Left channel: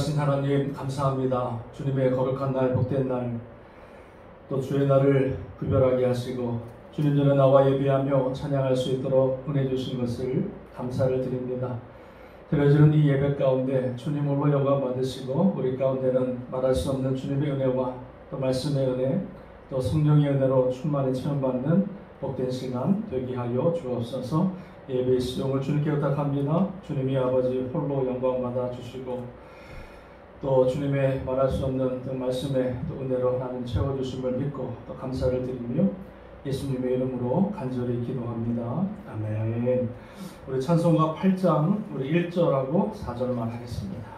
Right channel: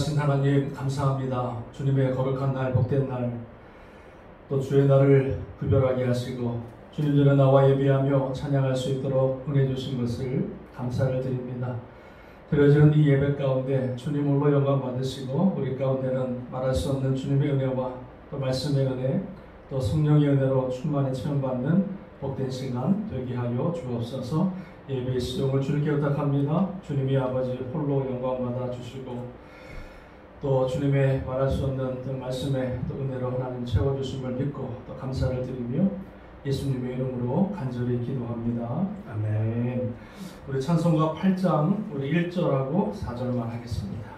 전능하신 하나님 감사합니다. 주님의 거룩한 날, 복된 날, 또 주의 날을 구별하게 하시고 주님 전에 나와 예배하며 찬양할 수 있도록 은혜 주신 것을 감사를 드립니다. 드려지는 이 예배 가운데 주님 홀로 영광 받으시고 우리 가운데는 말할 수 없는 주님의 은혜와 또 말씀의 은혜, 또 성령의 은혜로 충만히 체험받는 복된 시간 되게 하여 주옵소서. 예배의 시종을 주님께 부탁합니다. 주님이 아버지 홀로 영광 받아 주시고 또 주님의 말할 수 없는 그 말씀의 또 은혜로 하나님 채워주심을 믿고 또 감사를 드리며 예수님의 이름으로 간절히 기도합니다. 아멘. 우리 찬송가 8장 우리 1절하고 4절만 하겠습니다.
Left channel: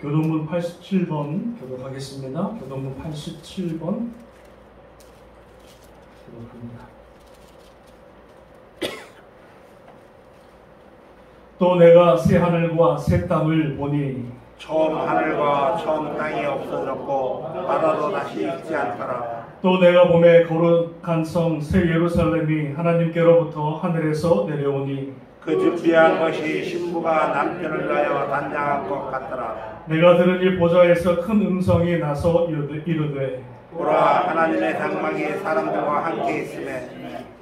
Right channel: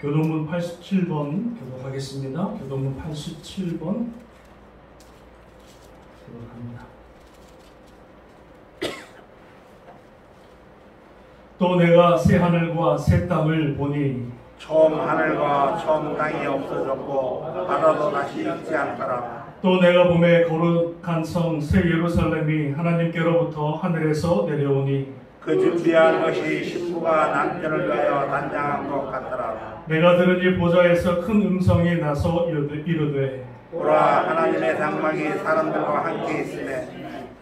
교동문 87번 교독하겠습니다. 교동문 87번 교독합니다. 또 내가 새 하늘과 새 땅을 보니 처음 하늘과 처음 땅이 없어졌고 바다도 다시 있지 않더라. 또 내가 봄에 거룩한 성 새 예루살렘이 하나님께로부터 하늘에서 내려오니 그 준비한 것이 신부가 남편을 위하여 단장한 것 같더라. 내가 들으니 보좌에서 큰 음성이 나서 이르되 보라, 하나님의 장막이 사람들과 함께 있으며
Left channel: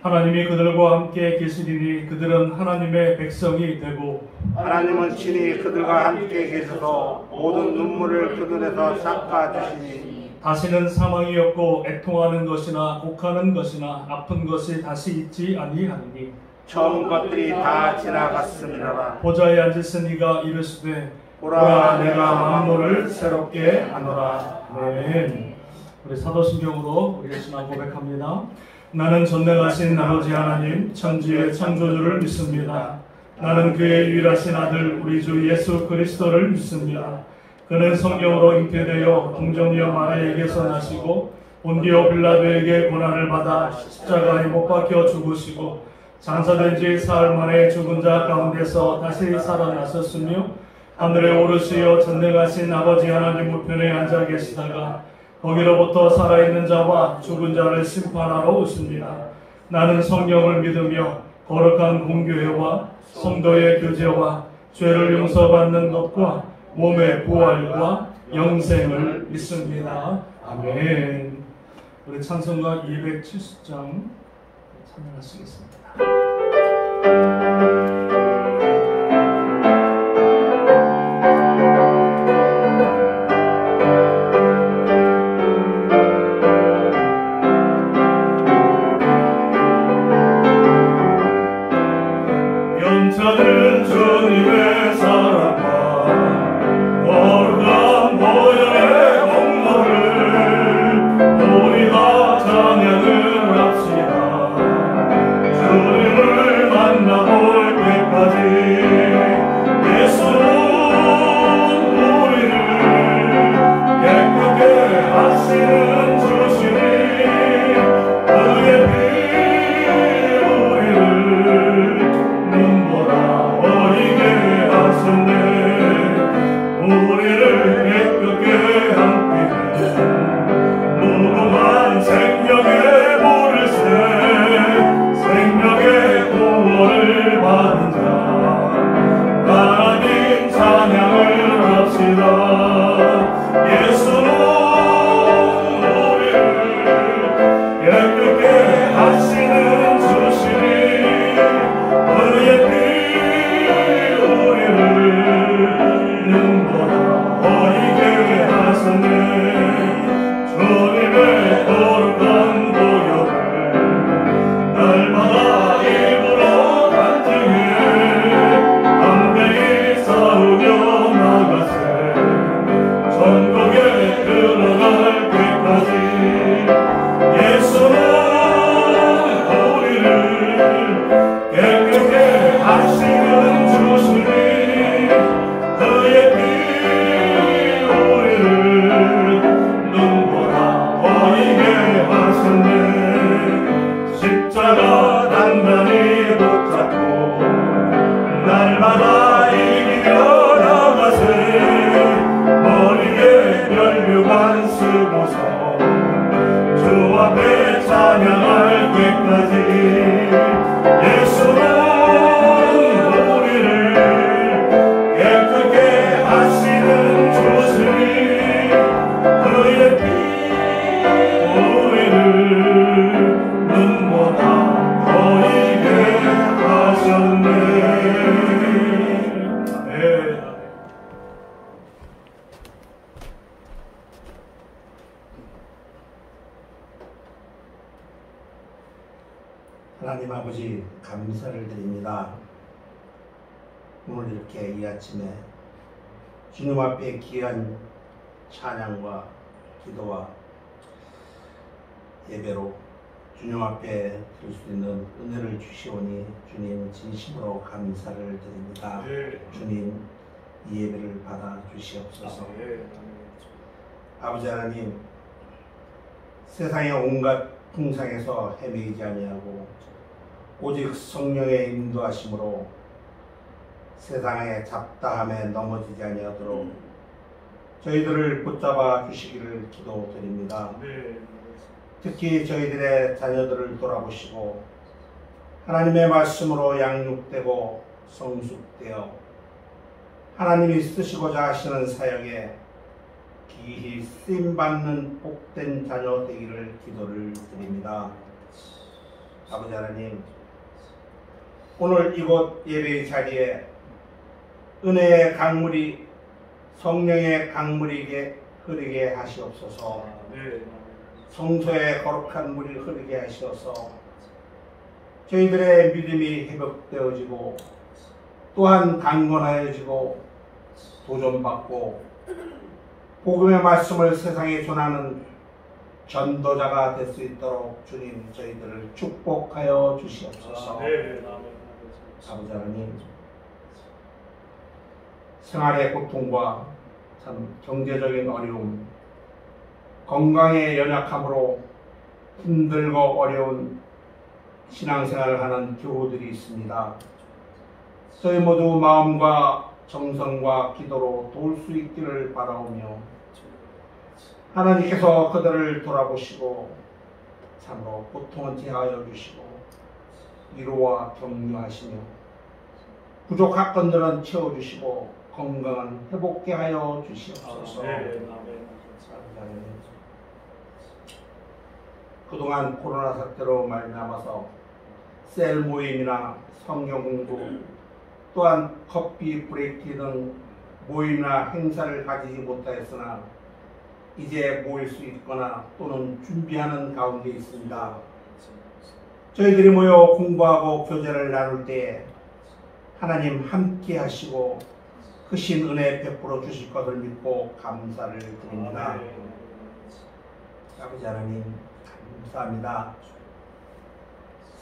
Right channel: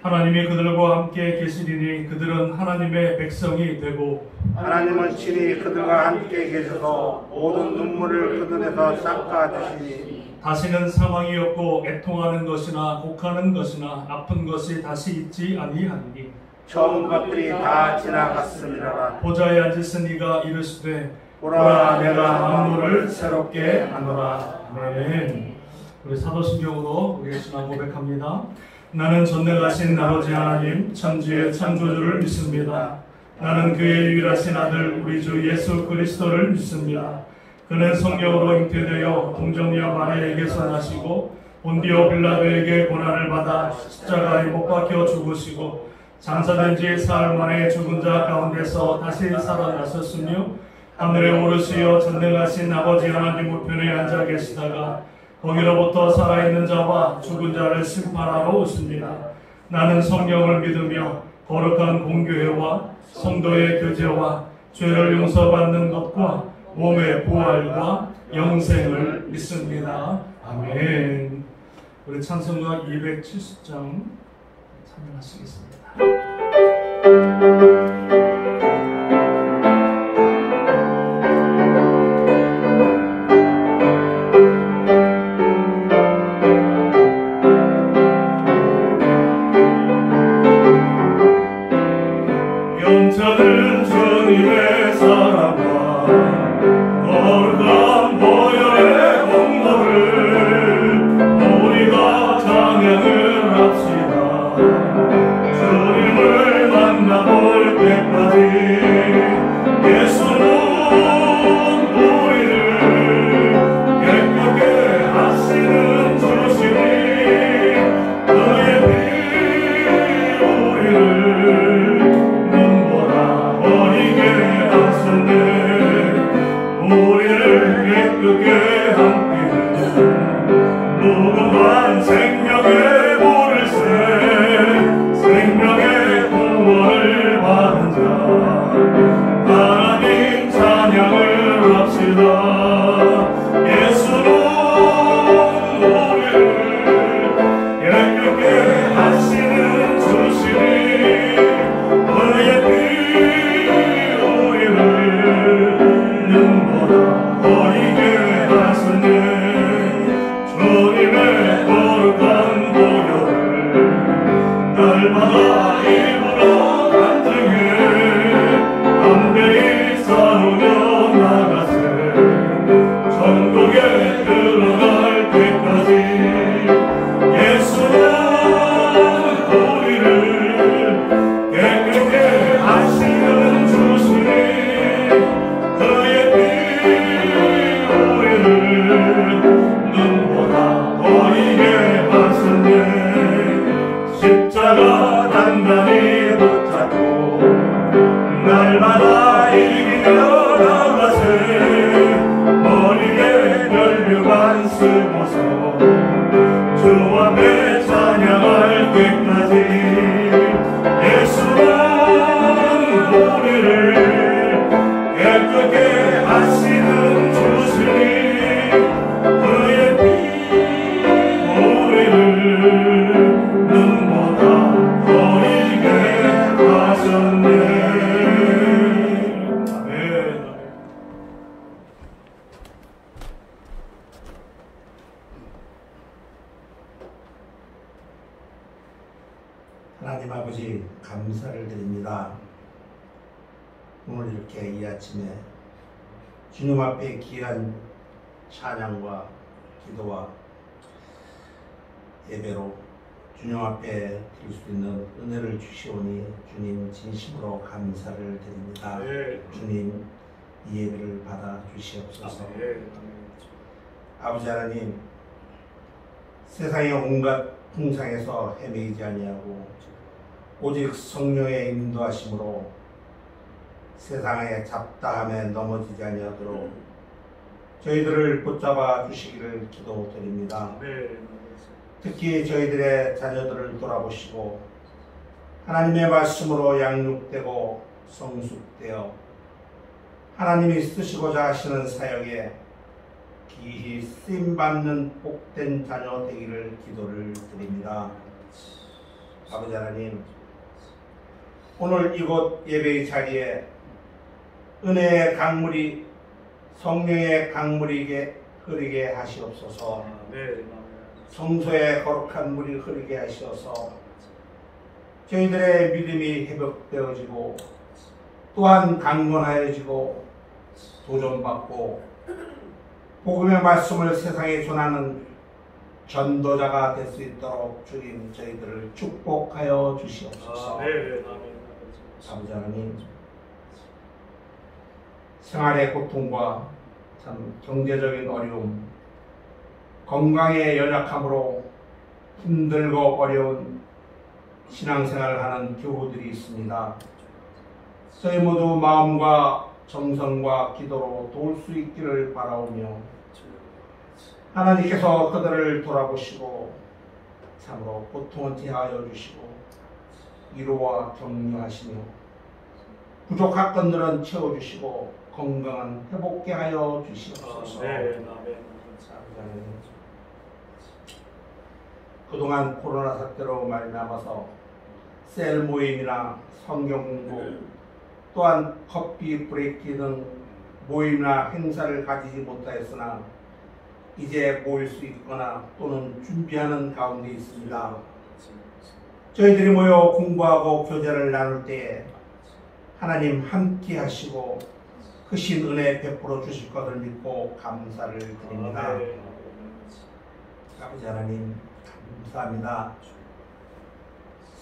하나님이 그들과 함께 계시리니 그들은 하나님의 백성이 되고 하나님은 친히 그들과 함께 계셔서 모든 눈물을 그 눈에서 닦아주시니 다시는 사망이 없고 애통하는 것이나 곡하는 것이나 아픈 것이 다시 있지 아니하니 처음 것들이 다 지나갔으리라. 보좌에 앉으신 이가 이르시되 보라, 내가 만물을 새롭게 하노라. 아멘. 우리 사도신경으로 우리 신앙 고백합니다. 나는 전능하신 아버지 하나님 천지의 창조주를 믿습니다. 나는 그의 유일하신 아들 우리 주 예수 그리스도를 믿습니다. 그는 성령으로 잉태되어 동정녀 마리아에게서 나시고 본디오 빌라도에게 고난을 받아 십자가에 못 박혀 죽으시고 장사된 지 사흘 만에 죽은 자 가운데서 다시 살아나셨으며 하늘에 오르시어 전능하신 아버지 하나님 우편에 앉아 계시다가 거기로부터 살아있는 자와 죽은 자를 심판하러 오십니다. 나는 성령을 믿으며 거룩한 공교회와 성도의 교제와 죄를 용서받는 것과 몸의 부활과 영생을 믿습니다. 아멘. 우리 찬송가 270장 찬양하시겠습니다. 영차는 주님의 사랑과 거룩한 보혈의 공로를 우리가 찬양을 합시다. 주님을 만나볼 때까지 하나님 아버지 감사를 드립니다. 오늘 이렇게 이 아침에 주님 앞에 귀한 찬양과 기도와 예배로 주님 앞에 드릴 수 있는 은혜를 주시오니 주님 진심으로 감사를 드립니다. 주님 이 예배를 받아 주시옵소서. 아버지 하나님, 세상의 온갖 풍상에서 헤매이지 아니하고 오직 성령의 인도하심으로 세상의 잡다함에 넘어지지 아니하도록 저희들을 붙잡아 주시기를 기도드립니다. 특히 저희들의 자녀들을 돌아보시고 하나님의 말씀으로 양육되고 성숙되어 하나님이 쓰시고자 하시는 사역에 기히 쓰임받는 복된 자녀 되기를 기도를 드립니다. 아버지 하나님, 오늘 이곳 예배의 자리에 은혜의 강물이 성령의 강물이게 흐르게 하시옵소서. 성소의 거룩한 물이 흐르게 하셔서 저희들의 믿음이 회복되어지고 또한 강건하여지고 도전받고 복음의 말씀을 세상에 전하는 전도자가 될 수 있도록 주님 저희들을 축복하여 주시옵소서. 아버지 하나님, 생활의 고통과 참 경제적인 어려움, 건강의 연약함으로 힘들고 어려운 신앙생활을 하는 교우들이 있습니다. 저희 모두 마음과 정성과 기도로 도울 수 있기를 바라오며 하나님께서 그들을 돌아보시고 참으로 고통을 제하여 주시고 위로와 격려하시며 부족한 것들은 채워주시고 건강은 회복케 하여 주시옵소서. 그동안 코로나 사태로 말미암아서 셀 모임이나 성경 공부 또한 커피 브레이크 등 모임이나 행사를 가지지 못하였으나 이제 모일 수 있거나 또는 준비하는 가운데 있습니다. 저희들이 모여 공부하고 교제를 나눌 때 하나님 함께 하시고 크신 은혜 베풀어 주실 것을 믿고 감사를 드립니다. 아버지 하나님 감사합니다.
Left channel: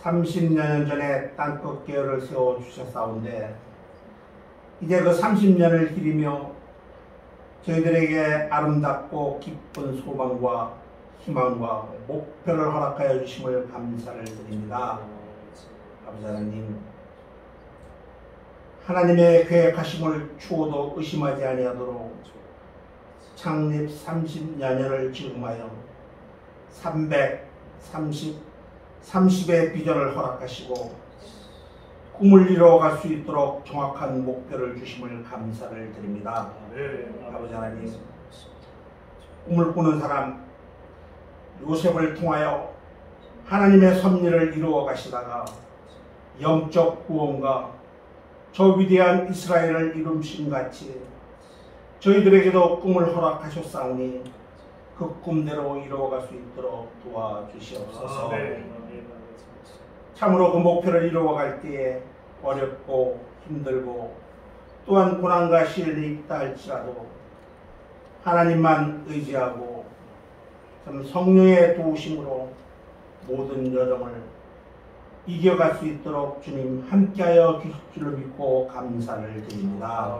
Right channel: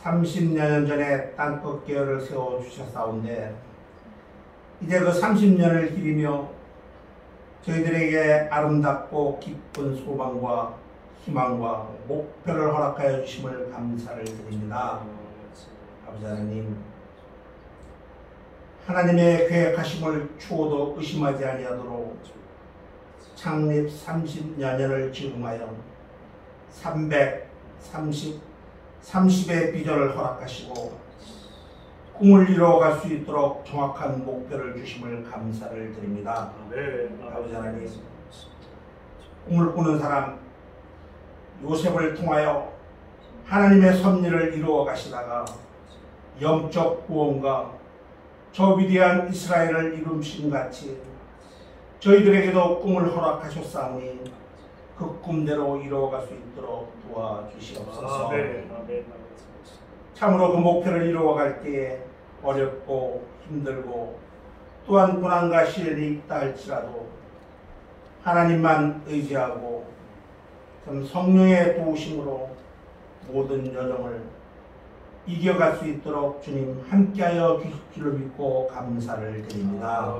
30년 전에 땅끝 계열을 세워주셨사온데 이제 그 30년을 기리며 저희들에게 아름답고 기쁜 소망과 희망과 목표를 허락하여 주심을 감사를 드립니다. 아버지 하나님, 하나님의 계획하심을 추호도 의심하지 아니하도록 창립 30여년을 증응하여 30의 비전을 허락하시고 꿈을 이루어갈 수 있도록 정확한 목표를 주심을 감사를 드립니다. 아버지 하나님, 꿈을 꾸는 사람 요셉을 통하여 하나님의 섭리를 이루어 가시다가 영적 구원과 저 위대한 이스라엘을 이루신 같이 저희들에게도 꿈을 허락하셨사오니 그 꿈대로 이루어갈 수 있도록 도와주시옵소서. 참으로 그 목표를 이루어갈 때에 어렵고 힘들고 또한 고난과 시련이 있다 할지라도 하나님만 의지하고 참 성령의 도우심으로 모든 여정을 이겨갈 수 있도록 주님 함께하여 주실 줄을 믿고 감사를 드립니다.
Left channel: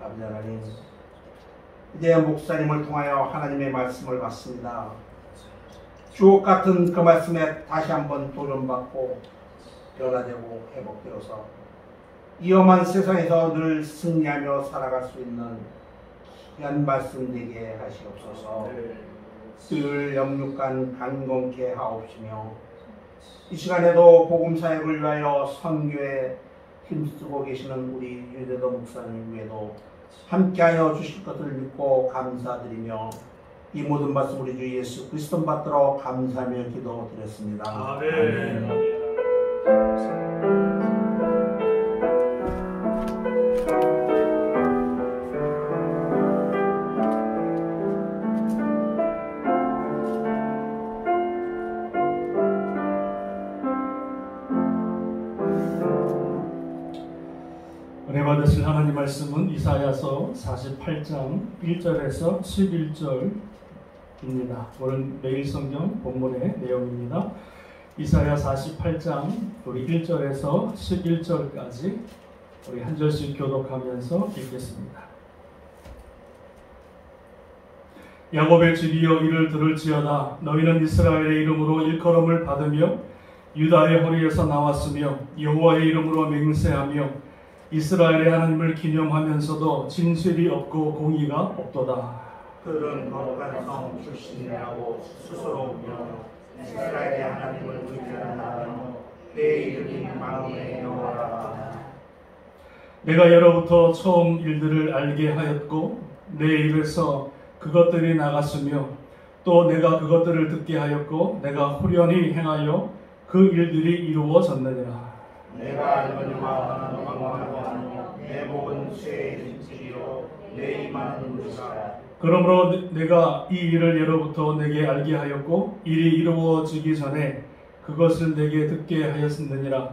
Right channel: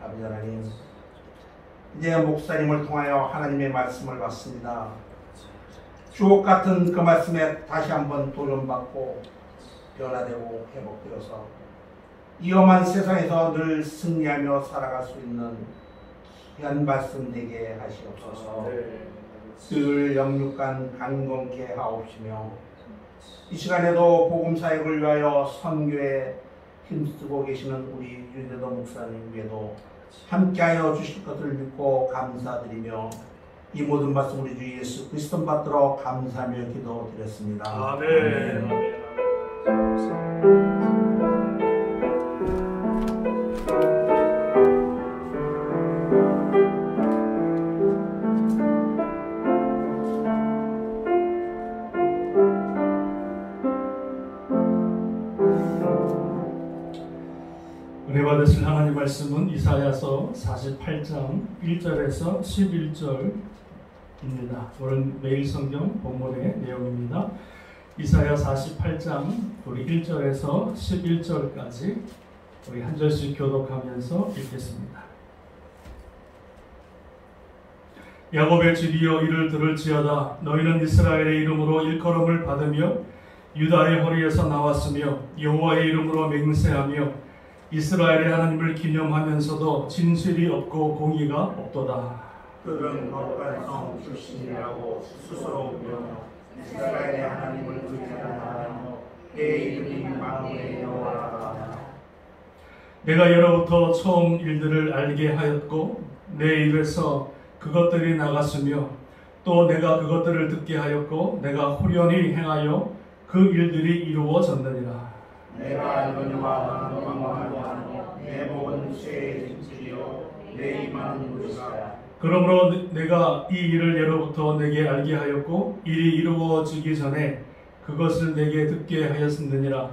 아버지 하나님, 이제 목사님을 통하여 하나님의 말씀을 받습니다. 주옥 같은 그 말씀에 다시 한번 도전받고 변화되고 회복되어서 이 험한 세상에서 늘 승리하며 살아갈 수 있는 귀한 말씀 되게 하시옵소서. 늘 영육간 강건케 하옵시며 이 시간에도 복음 사역을 위하여 선교에 힘쓰고 계시는 우리 유대도 목사님 외에도 함께하여 주실 것을 믿고 감사드리며 이 모든 말씀 우리 주 예수 그리스도 받들어 감사하며 기도드렸습니다. 아멘. 은혜 받으실 하나님 말씀은 이사야서 48장 1절에서 11절입니다. 오늘 매일 성경 본문의 내용입니다. 이사야 48장 우리 1절에서 11절까지 우리 한 절씩 교독하면서 읽겠습니다. 야곱의 집이여 이를 들을지어다. 너희는 이스라엘의 이름으로 일컬음을 받으며 유다의 허리에서 나왔으며 여호와의 이름으로 맹세하며 이스라엘의 하나님을 기념하면서도 진실이 없고 공의가 없도다. 그들은 거룩한 성 출신이라고 스스로 보며 이스라엘의 하나님을 불편하며 그의 이름이 만군의 여호와라. 내가 예로부터 처음 일들을 알게 하였고 내 입에서 그것들이 나갔으며 또 내가 그것들을 듣게 하였고 내가 후련히 행하여 그 일들이 이루어졌느니라. 내가 알거니와 너는 왕망하지 않으며 내 복은 쇠의 진실이요 내 임하는 무지가. 그러므로 내가 이 일을 예로부터 내게 알게 하였고 일이 이루어지기 전에 그것을 내게 듣게 하였느니라.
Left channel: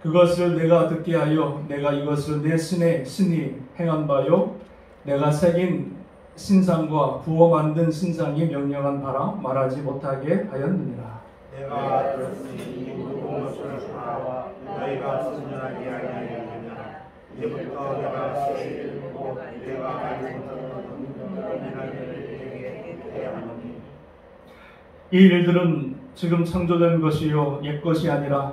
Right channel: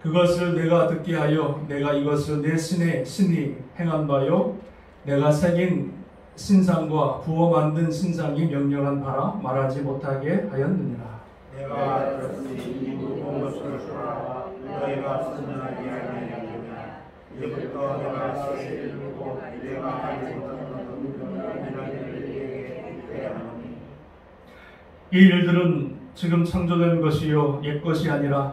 그것을 내가 듣게 하여 내가 이것을 내 신의 신이 행한 바요 내가 새긴 신상과 부어 만든 신상이 명령한 바라 말하지 못하게 하였느니라. 내가 들었으니 이 모든 것을 보라. 너희가 선전하지 아니하였느냐. 이제부터 내가 새 일을 보고 내가 알지 못하는 일들에게 대하노니. 이 일들은 지금 창조된 것이요 옛 것이 아니라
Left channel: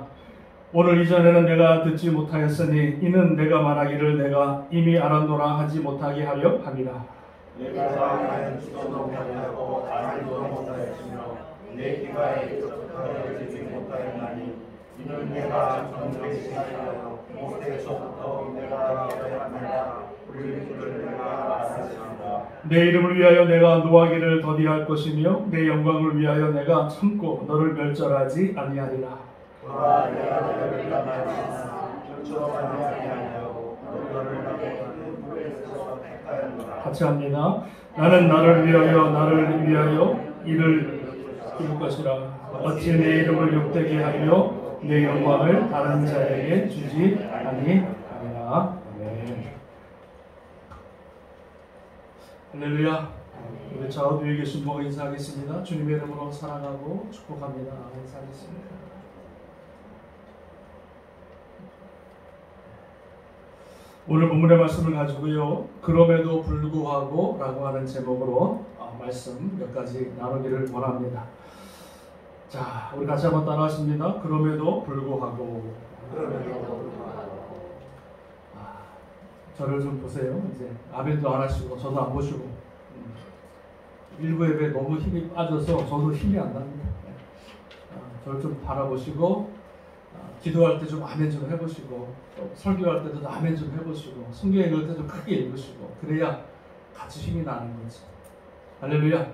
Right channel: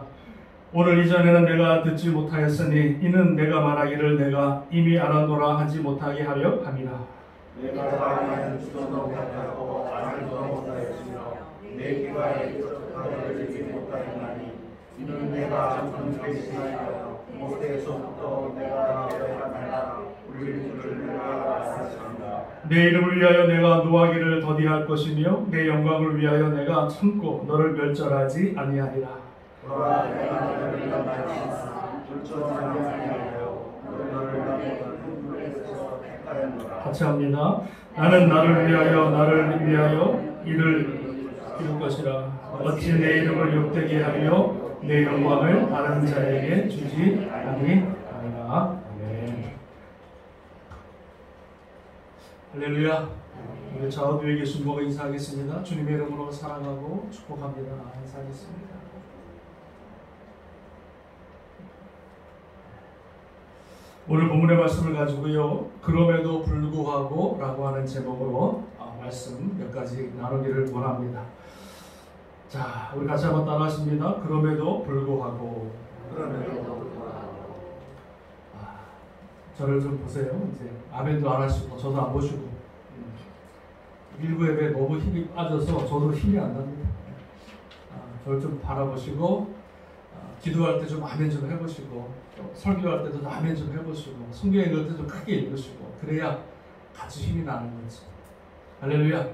오늘 이전에는 내가 듣지 못하였으니 이는 내가 말하기를 내가 이미 알았노라 하지 못하게 하려 함이라. 내가 말하였지도 못하였고 알지도 못하였으며 내 귀가 익숙하게 들리지 못하였나니 이는 내가 정죄에 시작하여 모태에서부터 내가 배웠나이다. 울릴 줄을 내가 알았습니다. 내 이름을 위하여 내가 노하기를 더디할 것이며 내 영광을 위하여 내가 참고 너를 멸절하지 아니하리라. 보라 내가 너를 만나지마 절처럼 아니하려고 너를 나보다는 물에서 택하였노라. 같이 합니다. 나는 나를 위하여 이를 이룰 것이라. 어찌 내 이름을 욕되게 하려 내 영광을 다른 자에게 주지 아니하리라. 아멘. 할렐루야. 우리 좌우에 계신 모가 인사하겠습니다. 주님의 이름으로 사랑하고 축복합니다. 인사하겠습니다. 오늘 본문의 말씀을 가지고요. 그럼에도 불구하고 라고 하는 제목으로 말씀 몇 가지 나누기를 원합니다. 자, 우리 같이 한번 따라하십니다. 그럼에도 불구하고. 저를 좀 보세요. 이제 아멘도 안 하시고 저도 안 보시고 일부 예배 너무 힘이 빠져서 저도 힘이 안 납니다. 저를 좀 바라보시고 기도할 때 좀 아멘 좀 해보시고 설교할 때도 아멘 좀 해보시고 성경 읽을 때 좀 크게 읽으시고 그래야 같이 힘이 나는 거지. 할렐루야.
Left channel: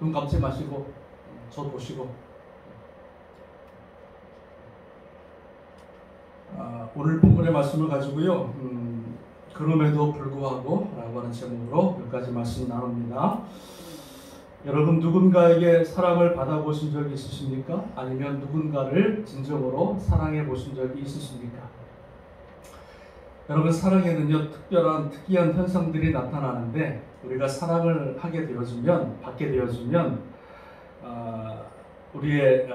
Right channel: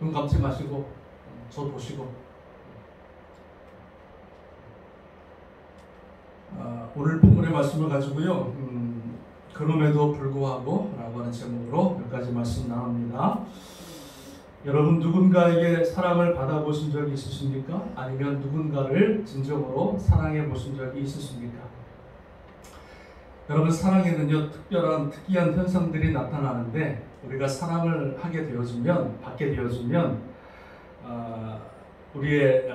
눈 감지 마시고 저 보시고 오늘 본문의 말씀을 가지고요. 그럼에도 불구하고 라고 하는 제목으로 몇 가지 말씀 나눕니다. 여러분 누군가에게 사랑을 받아보신 적이 있으십니까? 아니면 누군가를 진정으로 사랑해 보신 적이 있으십니까? 여러분 사랑에는요 특이한 현상들이 나타나는데 우리가 사랑을 하게 되어지면 받게 되어지면 우리의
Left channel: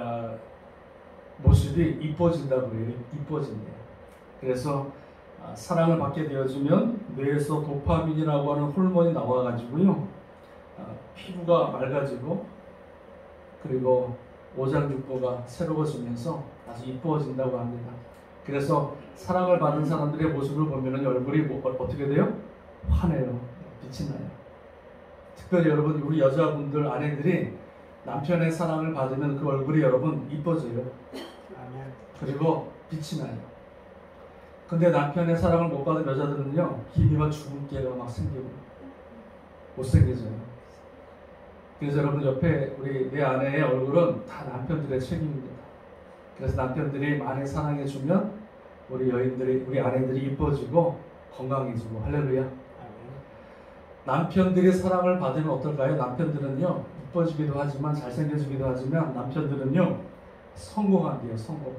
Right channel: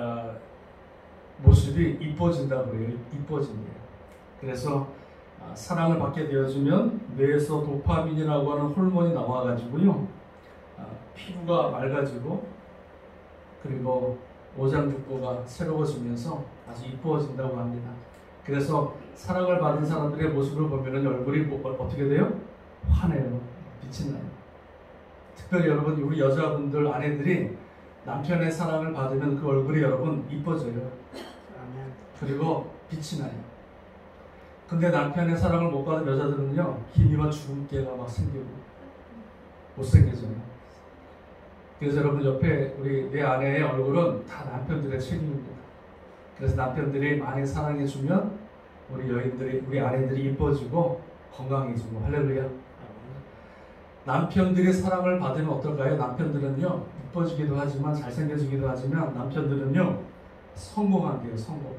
모습이 이뻐진다고 해요. 이뻐집니다. 그래서 사랑을 받게 되어지면 뇌에서 도파민이라고 하는 호르몬이 나와가지고요. 피부가 맑아지고 그리고 오장육부가 새로워지면서 아주 이뻐진다고 합니다. 그래서 사랑을 받은 사람들의 모습을 보면 얼굴이 어떻게 돼요? 환해요. 빛이 나요. 특별히 여러분 우리 여자분들 아내들이 남편의 사랑을 받으면 그 얼굴이 여러분 이뻐져요. 그리고 빛이 나요. 근데 남편의 사랑을 못 받은 여자들은요 기미가 주근깨가 막 생기고 못생겨져요. 그래서 여러분 옆에 내 아내의 얼굴은 다 남편들의 책임입니다. 그래서 남편들이 많이 사랑해주면 우리 아내들이 이뻐지고 건강해지고 할렐루야. 남편들이 사랑을 받으면 어떨까요? 남편들은요 이뻐지기도 하지만 잘생겨지기도 하지만 남편들은요 성공한대요. 성공.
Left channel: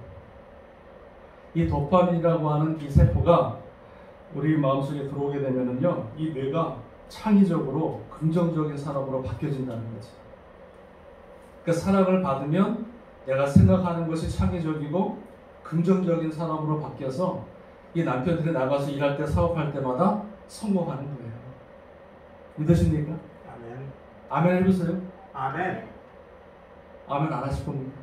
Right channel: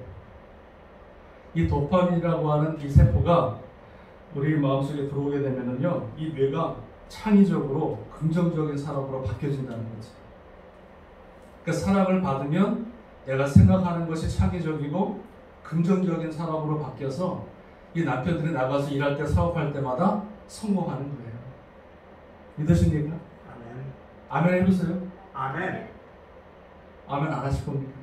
이 도파민이라고 하는 이 세포가 우리 마음속에 들어오게 되면은요, 이 뇌가 창의적으로 긍정적인 사람으로 바뀌어진다는 거죠. 그러니까 사랑을 받으면 내가 생각하는 것이 창의적이고 긍정적인 사람으로 바뀌어서 이 남편들이 나가서 일할 때 사업할 때마다 성공하는 거예요. 믿으십니까? 아멘. 아멘 해보세요. 아멘. 아멘 안 하실 겁니까?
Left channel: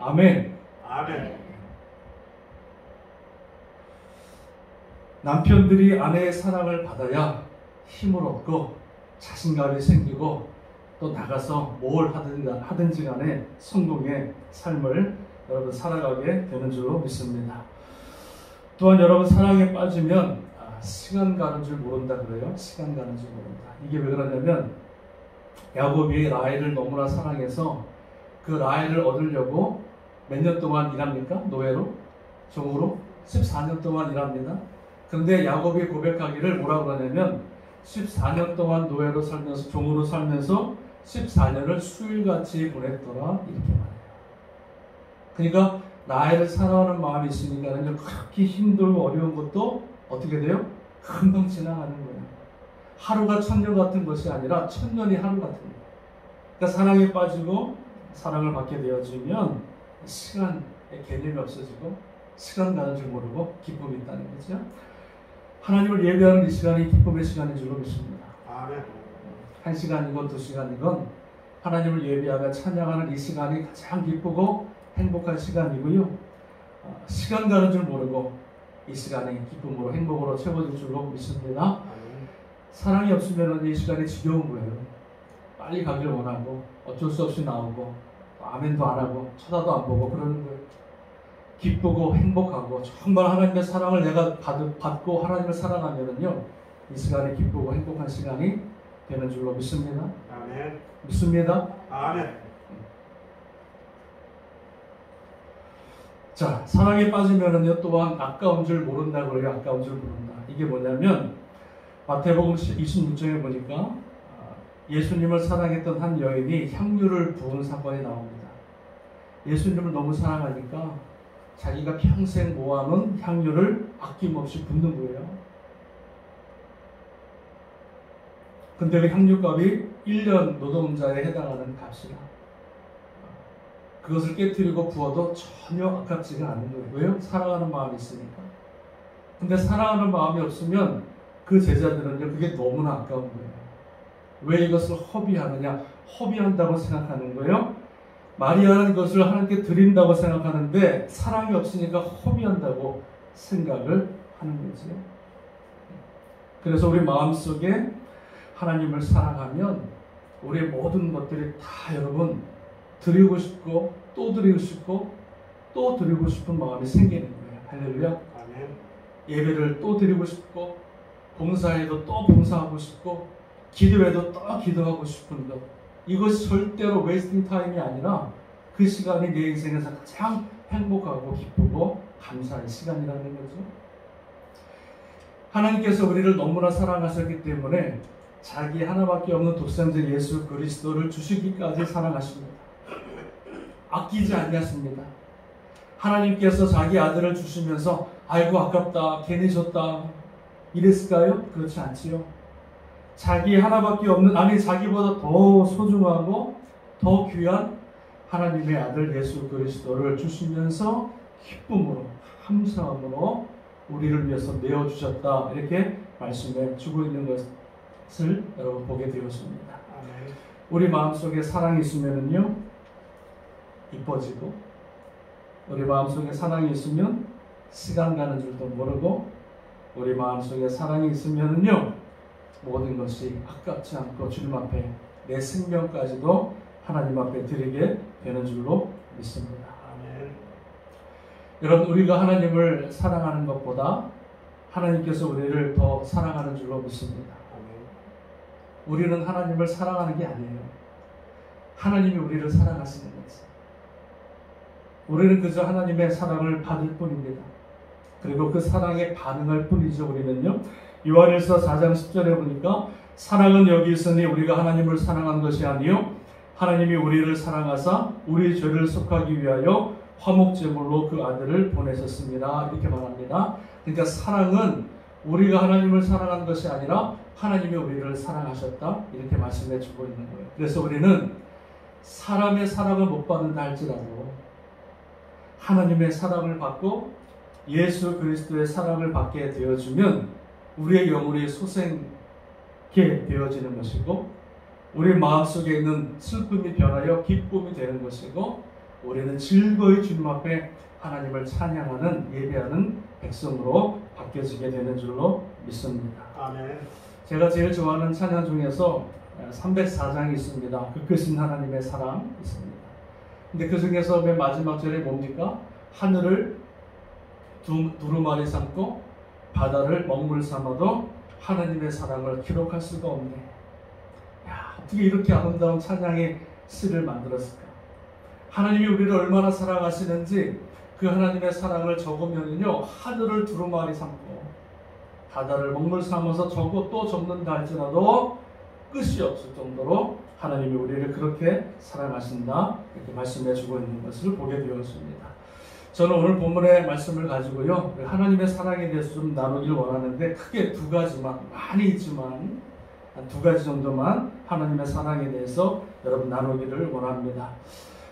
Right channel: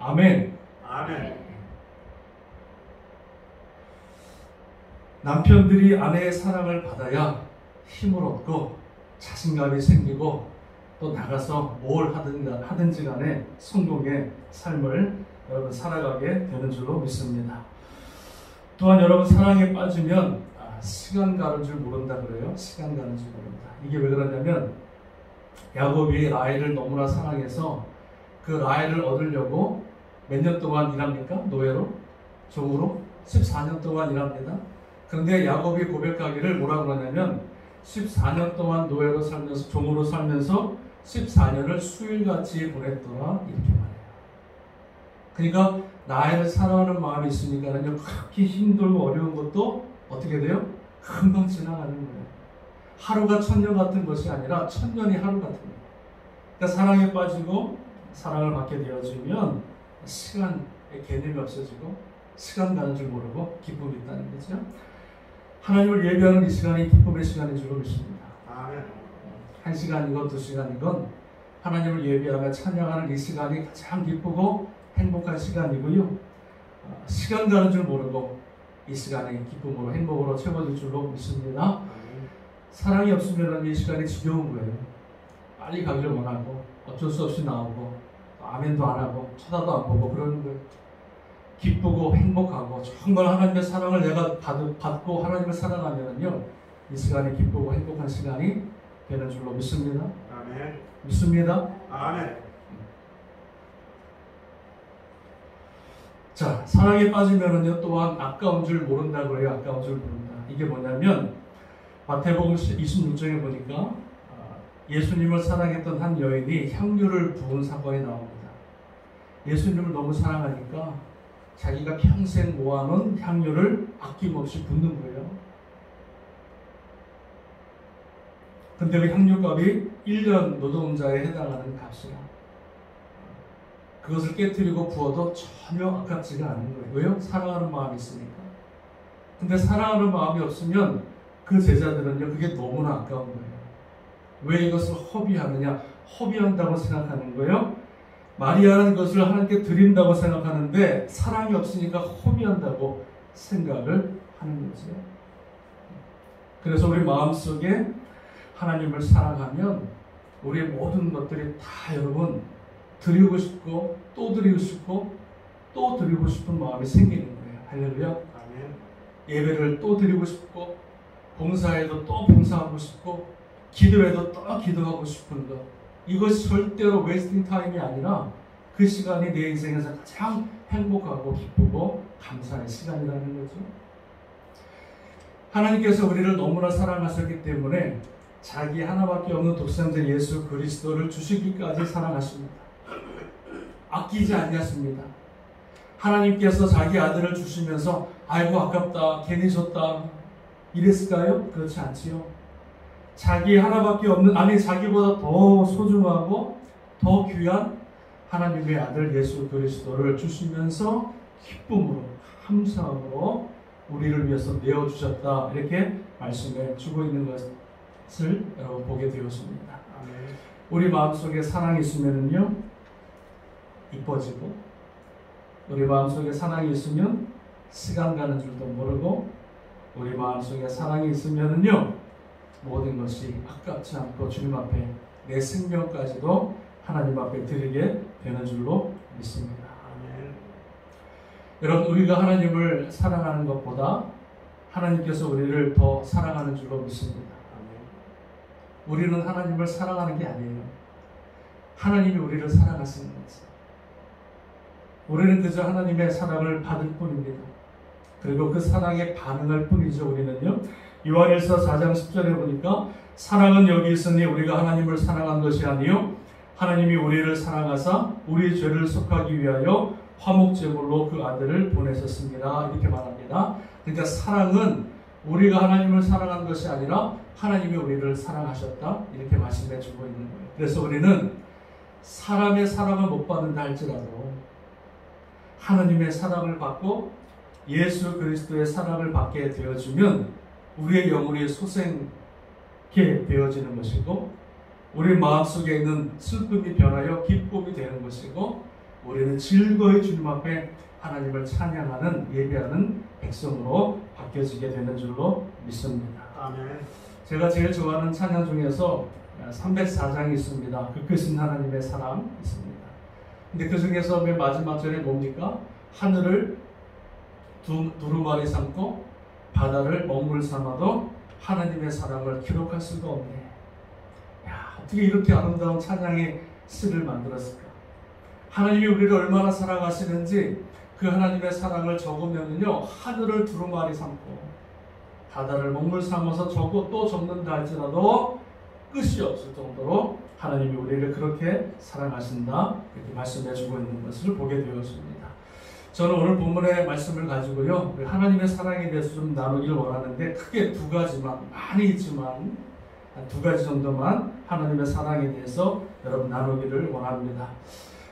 아멘. 아멘. 남편들이 아내의 사랑을 받아야 힘을 얻고 자신감이 생기고 또 나가서 뭘 하든지 간에 성공의 삶을 여러분 살아가게 되는 줄로 믿습니다. 또한 여러분 사랑에 빠지면 시간 가는 줄 모른다 그래요. 시간 가는 줄 모른다. 이게 왜 그러냐면 야곱이 라헬을 너무나 사랑해서 그 라헬을 얻으려고 몇 년 동안 일합니까? 노예로? 종으로? 14년 동안 일합니다. 그런데 야곱이 고백하기를 뭐라 그러냐면 14년 동안 노예로 살면서 종으로 살면서 14년을 수일같이 보냈더라 이렇게 말해요. 그러니까 라헬을 사랑하는 마음이 있으니까는요 그렇게 힘들고 어려운 것도 어떻게 돼요? 금방 지나가는 거예요. 하루가 천년 같은 것이 아니라 천년이 하루 같은 거예요. 그러니까 사랑에 빠지고 사랑을 받게 되어지면 시간의 개념이 없어지고 시간 가는 줄 모르고 기쁨이 있다는 거죠. 하나님을 예배하는 이 시간이 기쁨의 시간인 줄로 믿습니다. 아멘. 1시간이건 2시간이건 하나님을 예배하며 찬양하는 이 시간이 가장 기쁘고 행복한 시간이고요. 시간 가는 줄 모르고 이 시간이 기쁨으로 행복으로 채워질 줄로 믿습니다. 아멘. 사랑이 없으면 이 시간이 지겨운 거예요. 빨리 가기를 원하고 어쩔 수 없이 나오고 아멘도 안 하고 쳐다도 안 보고 그러는 거예요. 기쁘고 행복하고 정말 하나님의 사랑을 내가 받고 하나님을 사랑하면은요 이 시간이 기쁘고 행복한 시간이 되는 줄로 믿습니다. 아멘. 믿습니다. 아멘. 자, 사랑에 빠지면은요 또한 아까운 줄 모른다고 그래요. 아까운 줄 모른다. 이게 뭐냐면 마태복음 26장에 보니까 예수님을 사랑했던 한 여인이 향유를 부은 사건이 나옵니다. 예수님을 너무 사랑하니까 자기가 평생 모아놓은 향유를 아낌없이 붓는 거예요. 근데 그 향유값이 1년 노동자에 해당하는 값이라 그것을 깨뜨리고 부어도 전혀 아깝지가 않은 거예요. 왜요? 사랑하는 마음이 있으니까. 근데 사랑하는 마음이 없으면 그 제자들은요 그게 너무나 아까운 거예요. 왜 이것을 허비하느냐? 허비한다고 생각하는 거예요. 마리아는 이것을 하나님께 드린다고 생각하는데 사랑이 없으니까 허비한다고 생각을 하는 거지요. 그래서 우리 마음속에 하나님을 사랑하면 우리의 모든 것들이 다 여러분 드리고 싶고 또 드리고 싶고 또 드리고 싶은 마음이 생기는 거예요. 할렐루야. 아멘. 예배를 또 드리고 싶고 봉사에도 또 봉사하고 싶고 기도에도 또 기도하고 싶은 것. 이것이 절대로 웨이스팅 타임이 아니라 그 시간이 내 인생에서 가장 행복하고 기쁘고 감사의 시간이라는 거죠. 하나님께서 우리를 너무나 사랑하셨기 때문에 자기 하나밖에 없는 독생자 예수 그리스도를 주시기까지 사랑하십니다. 아끼지 않냐십니다. 하나님께서 자기 아들을 주시면서 아이고 아깝다 괜히 줬다 이랬을까요? 그렇지 않지요. 자기 하나밖에 없는 아니 자기보다 더 소중하고 더 귀한 하나님의 아들 예수 그리스도를 주시면서 기쁨으로 감사함으로 우리를 위해서 내어주셨다 이렇게 말씀해 주고 있는 것을 여러분 보게 되었습니다. 아멘. 우리 마음속에 사랑이 있으면은요 이뻐지고 우리 마음속에 사랑이 있으면 시간 가는 줄도 모르고 우리 마음속에 사랑이 있으면은요 모든 것이 아깝지 않고 주님 앞에 내 생명까지도 하나님 앞에 드리게 되는 줄로 믿습니다. 아멘. 여러분 우리가 하나님을 사랑하는 것보다 하나님께서 우리를 더 사랑하는 줄로 믿습니다. 아멘. 우리는 하나님을 사랑하는 게 아니에요. 하나님이 우리를 사랑하시는 거지. 우리는 그저 하나님의 사랑을 받을 뿐입니다. 그리고 그 사랑에 반응할 뿐이죠. 우리는요. 요한일서 4장 10절에 보니까 사랑은 여기 있으니 우리가 하나님을 사랑한 것이 아니요 하나님이 우리를 사랑하사 우리 죄를 속하기 위하여 화목제물로 그 아들을 보내셨습니다. 이렇게 말합니다. 그러니까 사랑은 우리가 하나님을 사랑하는 것이 아니라 하나님이 우리를 사랑하셨다 이렇게 말씀해 주고 있는 거예요. 그래서 우리는 사람의 사랑을 못 받는다 할지라도 하나님의 사랑을 받고 예수 그리스도의 사랑을 받게 되어주면 우리의 영혼이 솟게 되어지는 것이고 우리 마음속에 있는 슬픔이 변하여 기쁨이 되는 것이고 우리는 즐거이 주님 앞에 하나님을 찬양하는 예배하는 백성으로 바뀌어지게 되는 줄로 믿습니다. 아멘. 제가 제일 좋아하는 찬양 중에서 304장이 있습니다. 그 끝은 하나님의 사랑 있습니다. 근데 그 중에서 맨 마지막 절에 뭡니까? 하늘을 두루마리 삼고 바다를 먹물 삼아도 하나님의 사랑을 기록할 수가 없네. 야, 어떻게 이렇게 아름다운 찬양의 시를 만들었을까? 하나님이 우리를 얼마나 사랑하시는지 그 하나님의 사랑을 적으면요 하늘을 두루마리 삼고 바다를 먹물 삼아서 적고 또 적는다 할지라도 끝이 없을 정도로 하나님이 우리를 그렇게 사랑하신다 이렇게 말씀해 주고 있는 것을 보게 되었습니다. 저는 오늘 본문의 말씀을 가지고요 하나님의 사랑에 대해서 좀 나누길 원하는데 크게 두 가지만 많이 있지만 한 두 가지 정도만 하나님의 사랑에 대해서 여러분 나누기를 원합니다.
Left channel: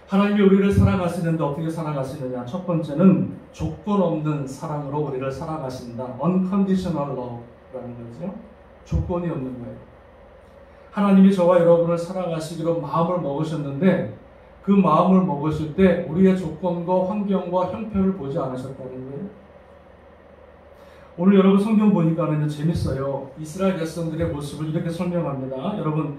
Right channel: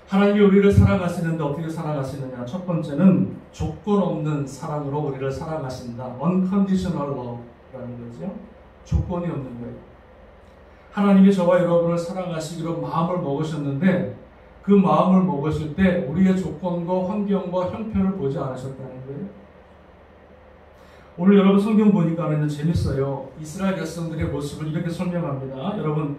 하나님이 우리를 사랑하시는데 어떻게 사랑하시느냐? 첫 번째는 조건 없는 사랑으로 우리를 사랑하신다. Unconditional love라는 거죠. 조건이 없는 거예요. 하나님이 저와 여러분을 사랑하시기로 마음을 먹으셨는데 그 마음을 먹으실 때 우리의 조건과 환경과 형편을 보지 않으셨다는 거예요. 오늘 여러분 성경 보니까 재밌어요. 이스라엘 백성들의 모습을 이렇게 설명합니다. 여러분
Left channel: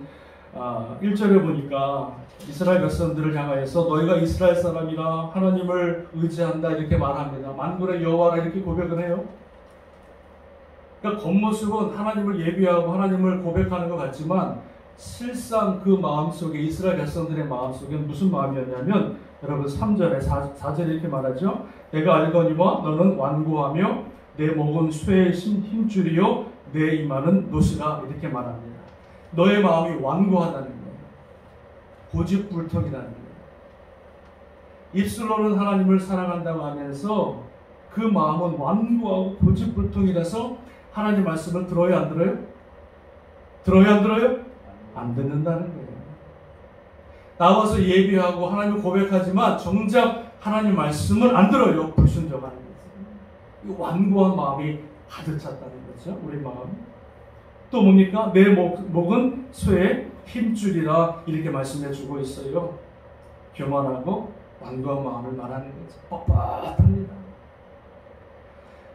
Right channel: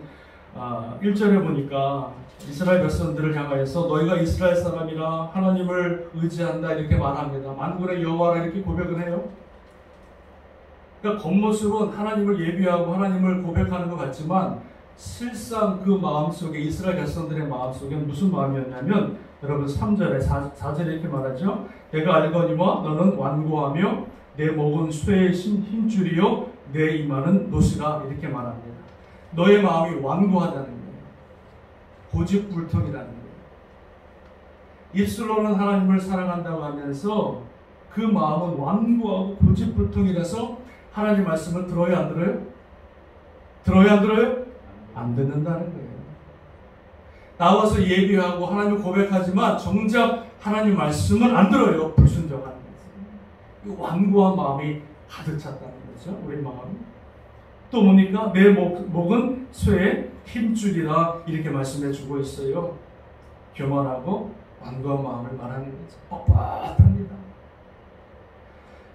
1절에 보니까 이스라엘 백성들을 향하여서 너희가 이스라엘 사람이라 하나님을 의지한다 이렇게 말합니다. 만군의 여호와라 이렇게 고백을 해요. 그러니까 겉모습은 하나님을 예비하고 하나님을 고백하는 것 같지만 실상 그 마음속에 이스라엘 백성들의 마음속에 무슨 마음이었냐면 여러분 3절에 4절에 이렇게 말하죠. 내가 알거니와 너는 완고하며 내 목은 쇠의 힘줄이요 내 이마는 노시라 이렇게 말합니다. 너의 마음이 완고하다는 거예요. 고집불통이라는 거예요. 입술로는 하나님을 사랑한다고 하면서 그 마음은 완고하고 고집불통이라서 하나님 말씀을 들어요 안 들어요? 들어요 안 들어요? 안 듣는다는 거예요. 나와서 예배하고 하나님을 고백하지만 정작 하나님 말씀을 안 들어요. 불순종하는 거죠. 이 완고한 마음이 가득 찼다는 거죠. 우리 마음. 또 뭡니까? 내 목은 쇠의 힘줄이라 이렇게 말씀해 주고 있어요. 교만하고 완고한 마음을 말하는 거죠. 뻣뻣합니다.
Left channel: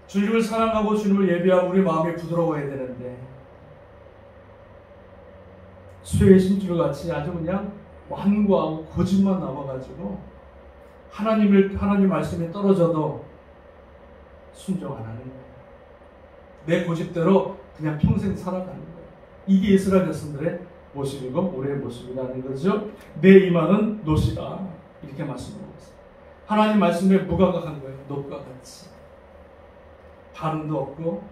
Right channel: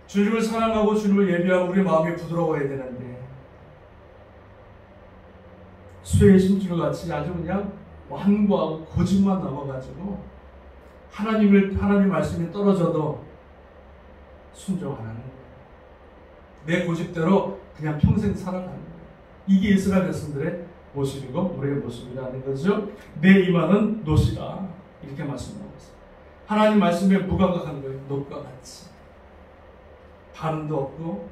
주님을 사랑하고 주님을 예배하고 우리 마음이 부드러워야 되는데 쇠의 힘줄 같이 아주 그냥 완고하고 고집만 남아가지고 하나님 말씀이 떨어져도 순종 안 하는 거예요. 내 고집대로 그냥 평생 살아가는 거예요. 이게 이스라엘 백성들의 모습이고 우리의 모습이라는 거죠. 내 이마는 노시다 이렇게 말씀하고 있어요. 하나님 말씀에 무감각한 거예요. 놋과 같이 반응도 없고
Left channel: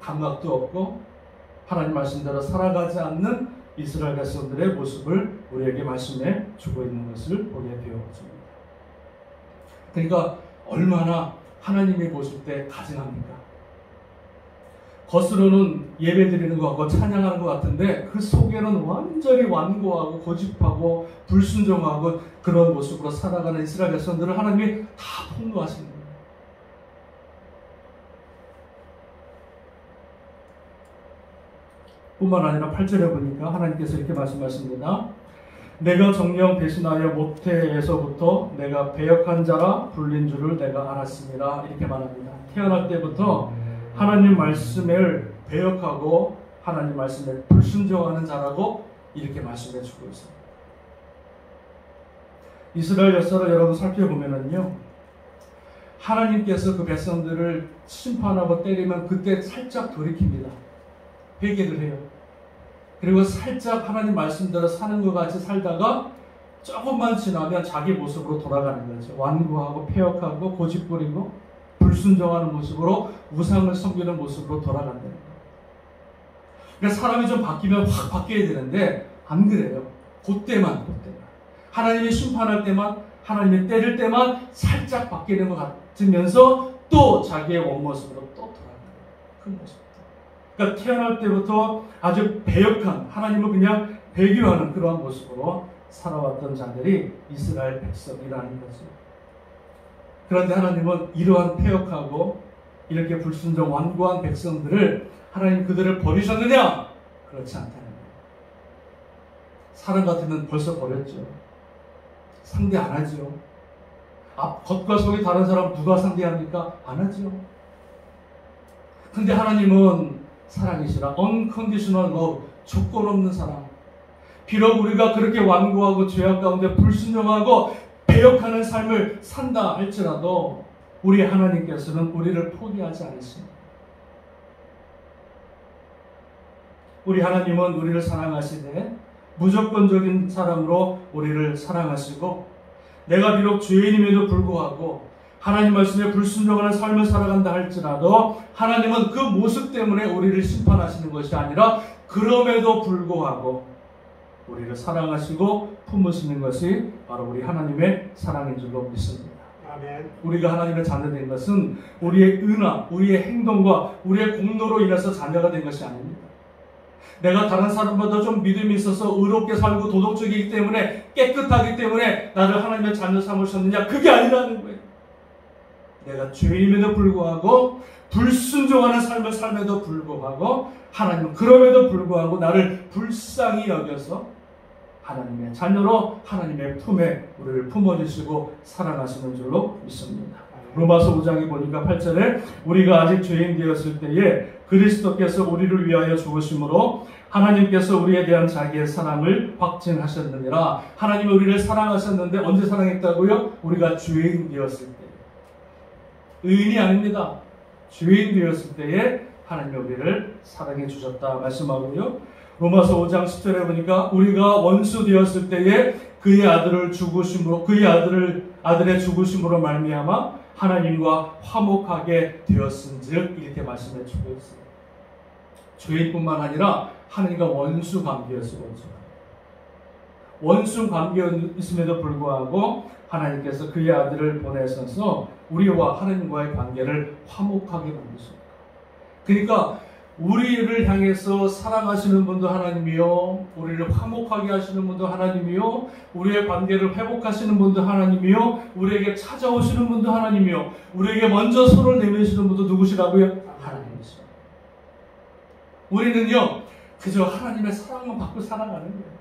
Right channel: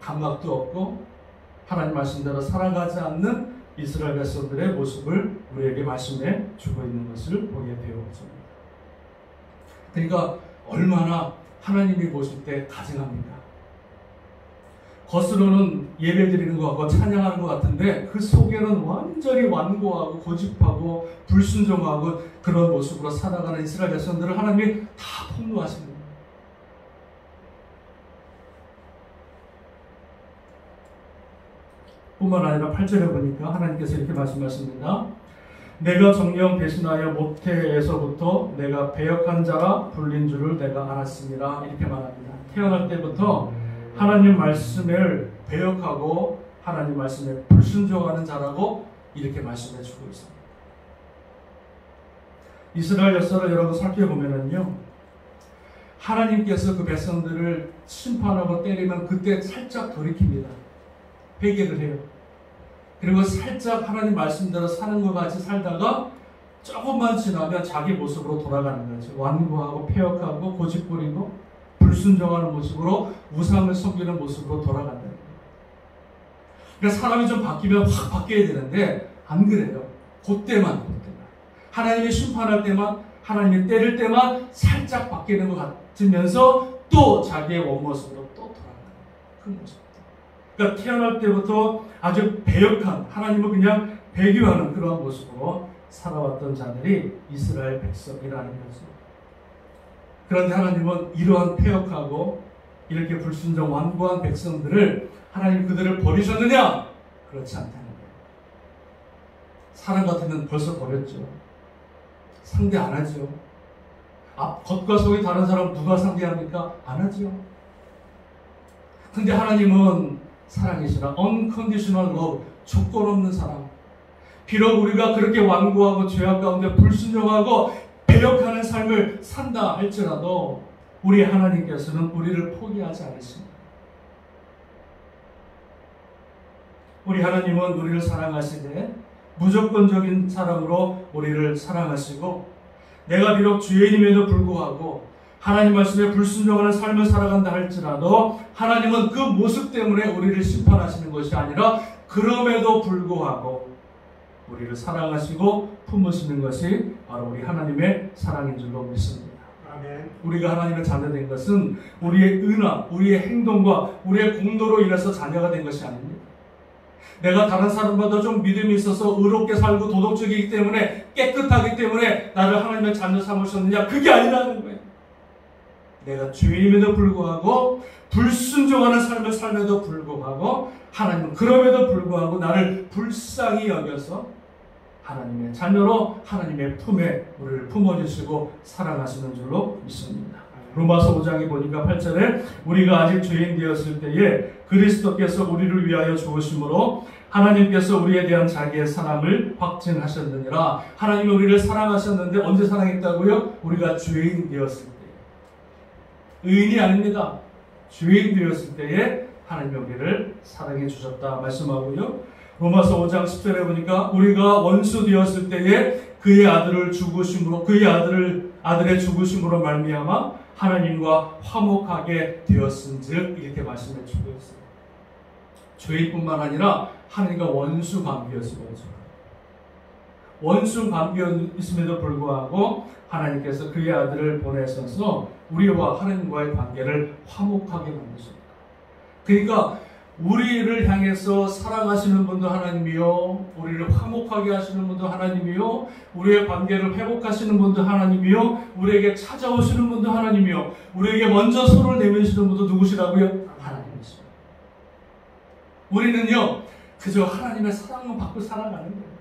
감각도 없고 하나님 말씀대로 살아가지 않는 이스라엘 백성들의 모습을 우리에게 말씀해 주고 있는 것을 보게 되어집니다. 그러니까 얼마나 하나님이 보실 때 가증합니까? 겉으로는 예배드리는 것 같고 찬양하는 것 같은데 그 속에는 완전히 완고하고 고집하고 불순종하고 그런 모습으로 살아가는 이스라엘 백성들을 하나님이 다 폭로하시는 거예요. 뿐만 아니라 8절에 보니까 하나님께서 이렇게 말씀하십니다. 내가 정령 배신하여 모태에서부터 내가 배역한 자라 불린 줄을 내가 알았습니다. 이렇게 말합니다. 태어날 때부터 하나님 말씀을 배역하고 하나님 말씀에 불순종하는 자라고 이렇게 말씀해 주고 있습니다. 이스라엘 역사를 여러분 살펴보면요, 하나님께서 그 백성들을 심판하고 때리면 그때 살짝 돌이킵니다. 회개를 해요. 그리고 살짝 하나님 말씀대로 사는 것 같이 살다가 조금만 지나면 자기 모습으로 돌아가는 거죠. 완고하고 폐역하고 고집부리고 불순종하는 모습으로 우상을 섬기는 모습으로 돌아간다는 거예요. 그러니까 사람이 좀 바뀌면 확 바뀌어야 되는데 안 그래요. 그때만 하나님이 심판할 때만 하나님이 때릴 때만 살짝 바뀌는 것 같으면서 또 자기의 원모습으로 또 돌아가는 거예요. 큰 거죠. 그러니까 태어날 때부터 아주 배역한, 하나님을 그냥 배교하는 그러한 모습으로 살아왔던 자들이 이스라엘 백성이라는 거죠. 그런데 하나님은 이러한 패역하고 이렇게 불순종 완고한 백성들을 하나님 그들을 버리셨느냐? 그렇지 않다는 거예요. 사람 같으면 벌써 버렸죠. 상대 안 하죠. 겉과 속이 다른 사람 누가 상대합니까? 안 하죠. 근데 하나님은 사랑이시라 unconditional love, 조건 없는 사랑. 비록 우리가 그렇게 완고하고 죄악 가운데 불순종하고 배역하는 삶을 산다 할지라도 우리 하나님께서는 우리를 포기하지 않으십니다. 우리 하나님은 우리를 사랑하시되 무조건적인 사랑으로 우리를 사랑하시고, 내가 비록 죄인임에도 불구하고 하나님 말씀에 불순종하는 삶을 살아간다 할지라도 하나님은 그 모습 때문에 우리를 심판하시는 것이 아니라 그럼에도 불구하고 우리를 사랑하시고 품으시는 것이 바로 우리 하나님의 사랑인 줄로 믿습니다. 아멘. 우리가 하나님의 자녀된 것은 우리의 은하, 우리의 행동과 우리의 공로로 인해서 자녀가 된 것이 아닙니다. 내가 다른 사람보다 좀 믿음이 있어서 의롭게 살고 도덕적이기 때문에, 깨끗하기 때문에 나를 하나님의 자녀 삼으셨느냐? 그게 아니라는 거예요. 내가 죄임에도 불구하고 불순종하는 삶을 삶에도 불구하고 하나님은 그럼에도 불구하고 나를 불쌍히 여겨서 하나님의 자녀로 하나님의 품에 우리를 품어주시고 사랑하시는 줄로 믿습니다. 로마서 5장에 보니까 8절에 우리가 아직 죄인 되었을 때에 그리스도께서 우리를 위하여 죽으심으로 하나님께서 우리에 대한 자기의 사랑을 확증하셨느니라. 하나님이 우리를 사랑하셨는데 언제 사랑했다고요? 우리가 죄인 되었을 때. 의인이 아닙니다. 죄인 되었을 때에 하나님이 우리를 사랑해 주셨다 말씀하고요. 로마서 5장 10절에 보니까 우리가 원수 되었을 때에 그의 아들을 죽으심으로, 그의 아들의 죽으심으로 말미암아 하나님과 화목하게 되었은즉, 이렇게 말씀해 주고 있어요. 죄인뿐만 아니라 하나님과 원수 관계였어요. 원수 관계였음에도 불구하고 하나님께서 그의 아들을 보내셔서 우리와 하나님과의 관계를 화목하게 만드셨어요. 그러니까 우리를 향해서 사랑하시는 분도 하나님이요, 우리를 화목하게 하시는 분도 하나님이요, 우리의 관계를 회복하시는 분도 하나님이요, 우리에게 찾아오시는 분도 하나님이요, 우리에게 먼저 손을 내미시는 분도 누구시라고요? 하나님이시죠. 우리는요 그저 하나님의 사랑을 받고 살아가는 거예요.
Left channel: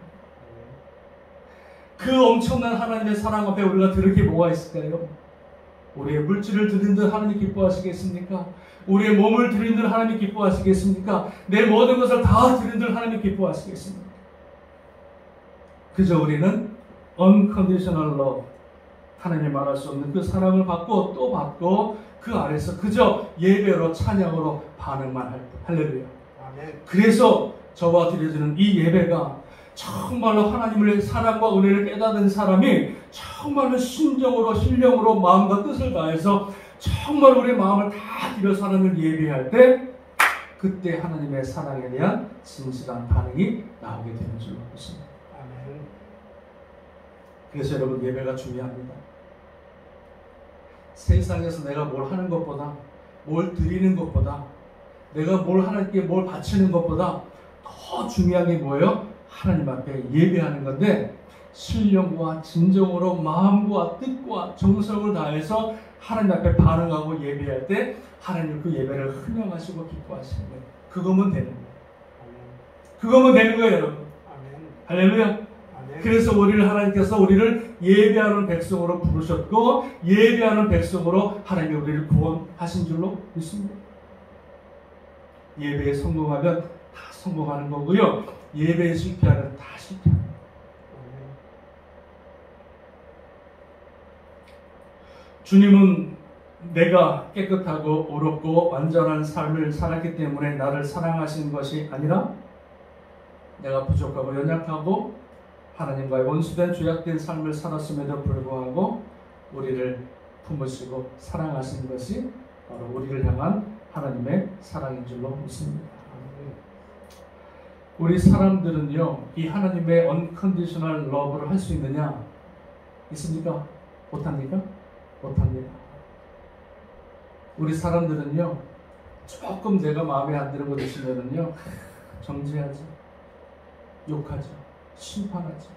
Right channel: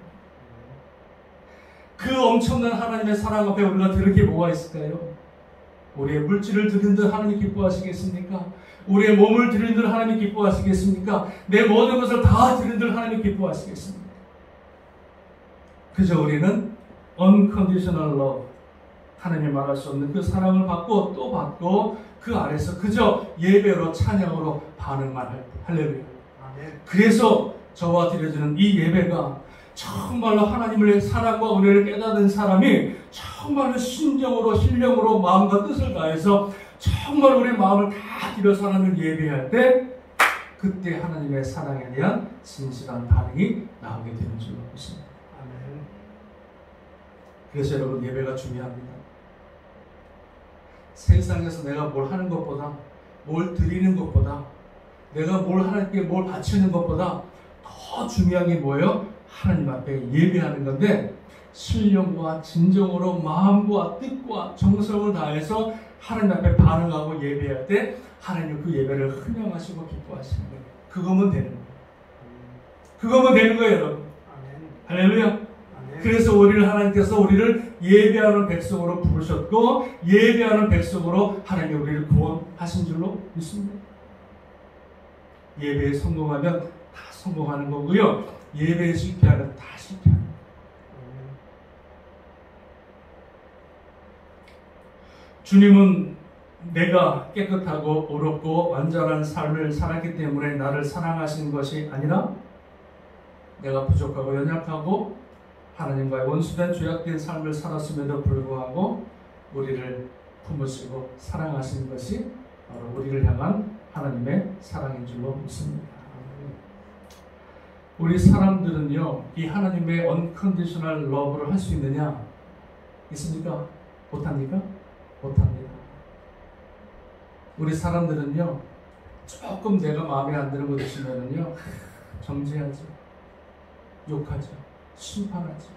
그 엄청난 하나님의 사랑 앞에 우리가 들을 게 뭐가 있을까요? 우리의 물질을 드린 듯 하나님 기뻐하시겠습니까? 우리의 몸을 드린 듯 하나님 기뻐하시겠습니까? 내 모든 것을 다 드린 듯 하나님 기뻐하시겠습니까? 그저 우리는 unconditional love, 하나님이 말할 수 없는 그 사랑을 받고 또 받고 그 안에서 그저 예배로 찬양으로 반응만 할 때. 할렐루야. 아멘. 그래서 저와 드려지는 이 예배가 정말로 하나님의 사랑과 은혜를 깨닫는 사람이 정말로 신령으로 마음과 뜻을 다해서 정말 우리 마음을 다 들여서 하나님을 예배할 때, 그때 하나님의 사랑에 대한 진실한 반응이 나오게 되는 줄로 믿습니다. 아멘. 그래서 그래서 여러분, 예배가 중요합니다. 세상에서 내가 뭘 하는 것보다, 뭘 드리는 것보다, 내가 하나님께 뭘 바치는 것보다 더 중요한 게 뭐예요? 하나님 앞에 예배하는 건데, 신령과 진정으로 마음과 뜻과 정성을 다해서 하나님 앞에 반응하고 예배할 때 하나님 그 예배를 흥명하시고 기뻐하시는 거예요. 그거면 되는 거예요. 그거면 되는 거예요, 여러분. 할렐루야. 그래서 우리를 하나님께서 우리를 예배하는 백성으로 부르셨고, 예배하는 백성으로 하나님이 우리를 구원하신 줄로 믿습니다. 예배에 성공하면 다 성공하는 거고요, 예배에 실패하면 다 실패하는 거예요. 주님은 내가 깨끗하고 옳고 완전한 삶을 살았기 때문에 나를 사랑하신 것이 아니라, 내가 부족하고 연약하고 하나님과의 원수된 죄악된 삶을 살았음에도 불구하고 우리를 품으시고 사랑하신 것이 바로 우리를 향한 하나님의 사랑인 줄로 믿습니다. 우리 사람들은요, 이 하나님의 unconditional love를 할 수 있느냐? 있습니까? 못합니까? 못합니다. 우리 사람들은요, 조금 내가 마음에 안 드는 것 있으면은요, 정죄하죠, 욕하죠, 심판하죠.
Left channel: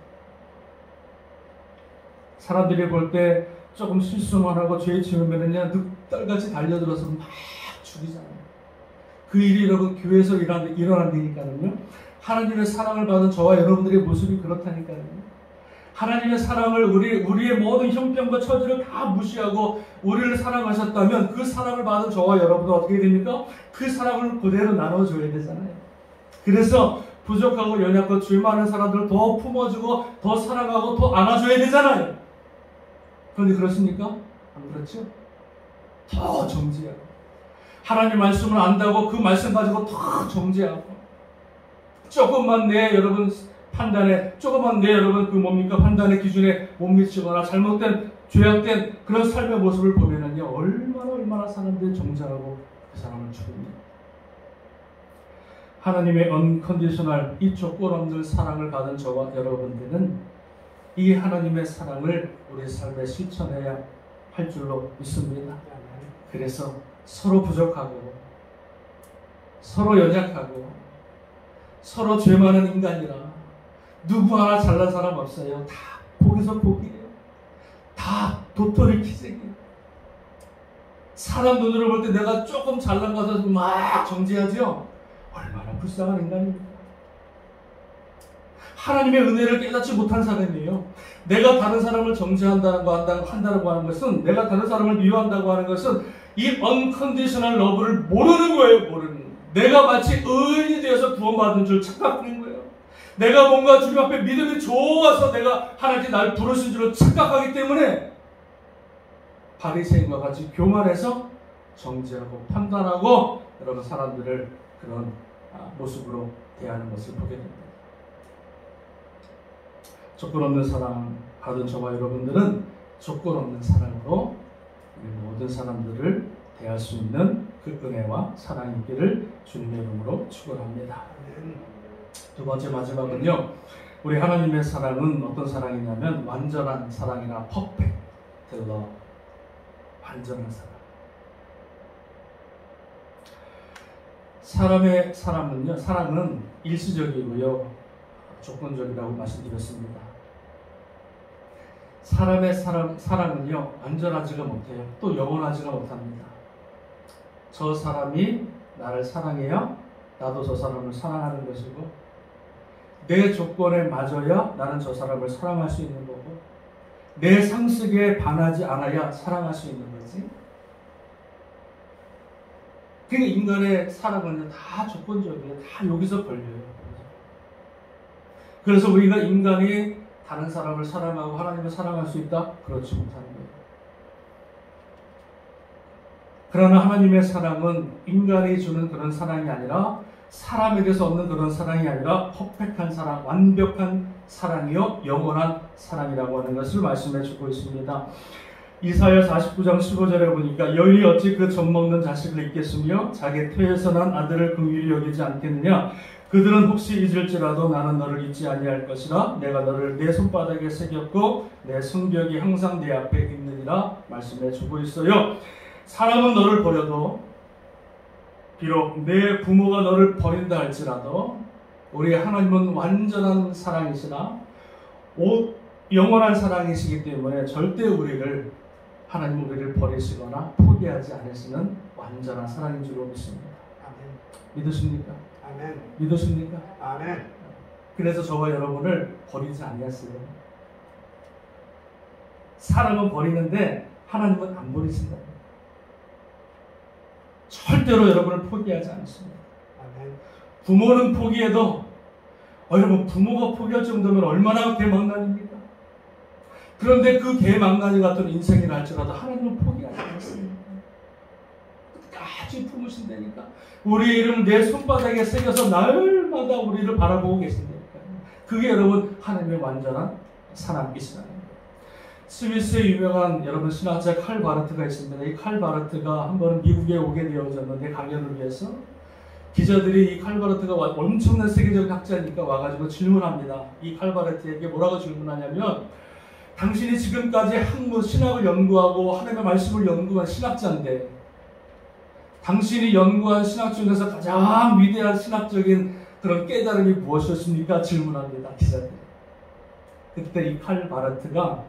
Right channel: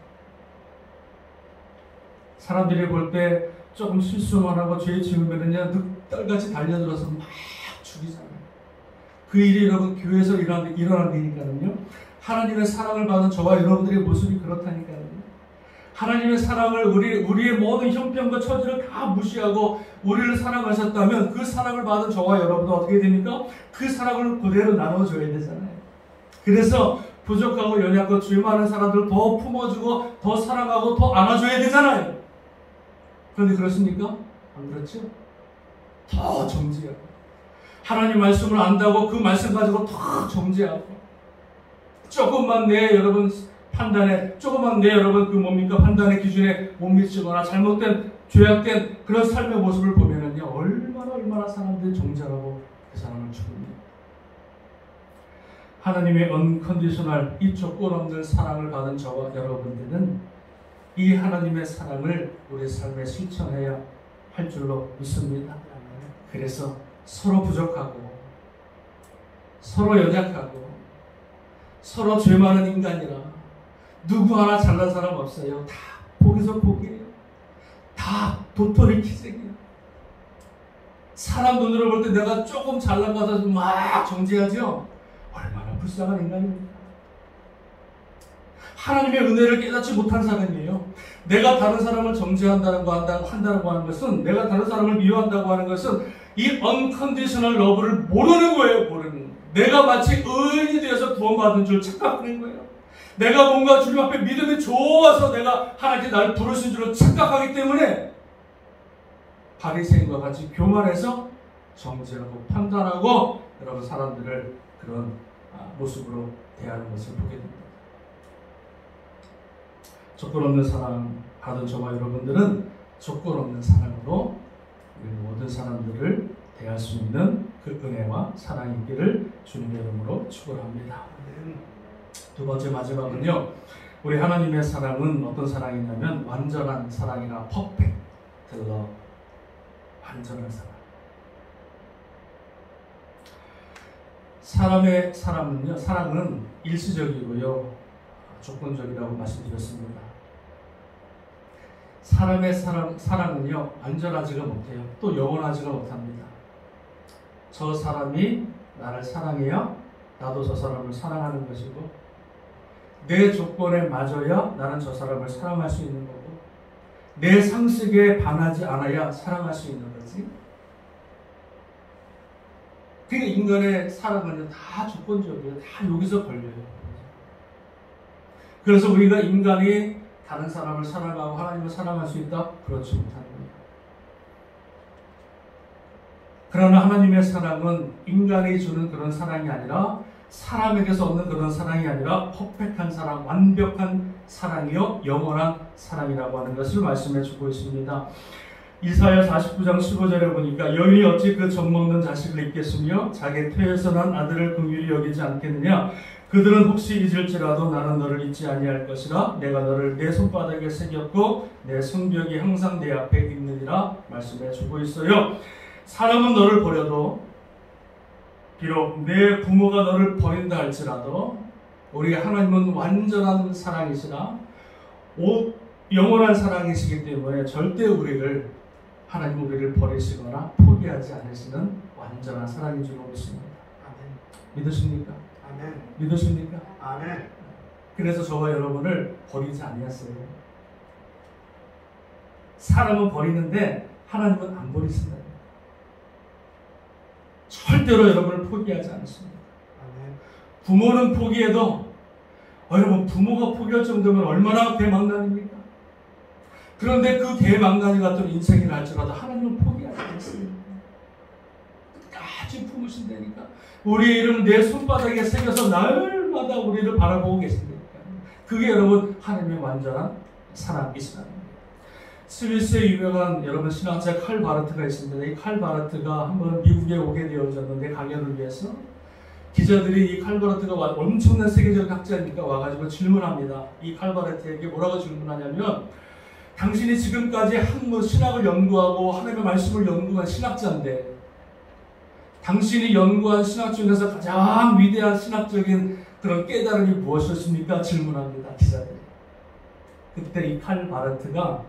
사람들이 볼 때 조금 실수만 하고 죄 지으면은요, 늑달같이 달려들어서 막 죽이잖아요. 그 일이 여러분 교회에서 일어난다니까요. 하나님의 사랑을 받은 저와 여러분들의 모습이 그렇다니까요. 하나님의 사랑을 우리의 모든 형편과 처지를 다 무시하고 우리를 사랑하셨다면 그 사랑을 받은 저와 여러분도 어떻게 됩니까? 그 사랑을 그대로 나눠줘야 되잖아요. 그래서 부족하고 연약하고 죄 많은 사람들 더 품어주고 더 사랑하고 더 안아줘야 되잖아요. 그런데 그렇습니까? 안 그렇죠? 더 정죄하고 하나님 말씀을 안다고 그 말씀 가지고 더 정죄하고 조금만 내 여러분 판단에 조금만 내 여러분 그 뭡니까 판단의 기준에 못 미치거나 잘못된 죄악된 그런 삶의 모습을 보면은요 얼마나 사람들이 정죄하고 그 사람을 죽입니다. 하나님의 언컨디셔널 이 조건 없는 사랑을 받은 저와 여러분들은 이 하나님의 사랑을 우리 삶에 실천해야 할 줄로 믿습니다. 그래서 서로 부족하고 서로 연약하고 서로 죄 많은 인간이라 누구 하나 잘난 사람 없어요. 다 복에서 복이에요. 다 도토리 키재기야. 사람 눈으로 볼 때 내가 조금 잘난 가서 막 정죄하죠. 얼마나 불쌍한 인간입니까? 하나님의 은혜를 깨닫지 못한 사람이에요. 내가 다른 사람을 정죄한다고 하는 것은 내가 다른 사람을 미워한다고 하는 것은 이 unconditional love를 모르는 거예요. 모르는. 내가 마치 의인이 되어서 구원받은 줄 착각하는 거예요. 내가 뭔가 주님 앞에 믿음이 좋아서 내가 하나님께 나를 부르신 줄로 착각하기 때문에 바리새인과 같이 교만해서 정죄하고 판단하고 여러분 사람들을 그런 모습으로 대하는 것을 보게 됩니다. 조건 없는 사랑 받은 저와 여러분들은 조건 없는 사랑으로 우리 모든 사람들을 대할 수 있는 그 은혜와 사랑이 있기를 주님의 이름으로 축원합니다. 두 번째 마지막은요. 우리 하나님의 사랑은 어떤 사랑이냐면 완전한 사랑이나 perfect love. 완전한 사랑. 사랑은 일시적이고요. 조건적이라고 말씀드렸습니다. 사람의 사랑은요, 완전하지가 못해요. 또 영원하지가 못합니다. 저 사람이 나를 사랑해야 나도 저 사람을 사랑하는 것이고, 내 조건에 맞아야 나는 저 사람을 사랑할 수 있는 거고, 내 상식에 반하지 않아야 사랑할 수 있는 거지. 그게 인간의 사랑은요, 다 조건적이에요. 다 여기서 걸려요. 그래서 우리가 인간이 다른 사람을 사랑하고 하나님을 사랑할 수 있다? 그렇지 못합니다. 그러나 하나님의 사랑은 인간이 주는 그런 사랑이 아니라 사람에게서 얻는 그런 사랑이 아니라 퍼펙트한 사랑, 완벽한 사랑이요 영원한 사랑이라고 하는 것을 말씀해 주고 있습니다. 이사야 49장 15절에 보니까 여인이 어찌 그 젖먹는 자식을 잊겠으며 자기 태에서 난 아들을 긍휼히 여기지 않겠느냐. 그들은 혹시 잊을지라도 나는 너를 잊지 아니할 것이라. 내가 너를 내 손바닥에 새겼고 내 성벽이 항상 내 앞에 있느니라 말씀해 주고 있어요. 사람은 너를 버려도 비록 내 부모가 너를 버린다 할지라도 우리 하나님은 완전한 사랑이시라 영원한 사랑이시기 때문에 절대 하나님 우리를 버리시거나 포기하지 않으시는 완전한 사랑인 줄로 믿습니다. 아멘. 믿으십니까? 아멘. 믿으십니까? 아멘. 그래서 저와 여러분을 버리지 아니하세요. 사람은 버리는데 하나님은 안 버리신다고. 절대로 여러분을 포기하지 않습니다. 아멘. 부모는 포기해도 여러분 부모가 포기할 정도면 얼마나 대망난입니까? 그런데 그 대망난이 같은 인생이라 할지라도 하나님은 포기하지 않습니다. 끝까지 품으신다니까. 우리의 이름을 내 손바닥에 새겨서 날마다 우리를 바라보고 계십니다. 그게 여러분 하나님의 완전한 사랑이시라는 거예요. 스위스의 유명한 여러분 신학자 칼 바르트가 있습니다. 이 칼 바르트가 한 번은 미국에 오게 되어졌는데 강연을 위해서 기자들이 이 칼 바르트가 엄청난 세계적 학자니까 와가지고 질문합니다. 이 칼 바르트에게 뭐라고 질문하냐면 당신이 지금까지 학문 신학을 연구하고 하나님의 말씀을 연구한 신학자인데 당신이 연구한 신학 중에서 가장 위대한 신학적인 그런 깨달음이 무엇이었습니까? 질문합니다. 기자들. 그때 이 칼 바르트가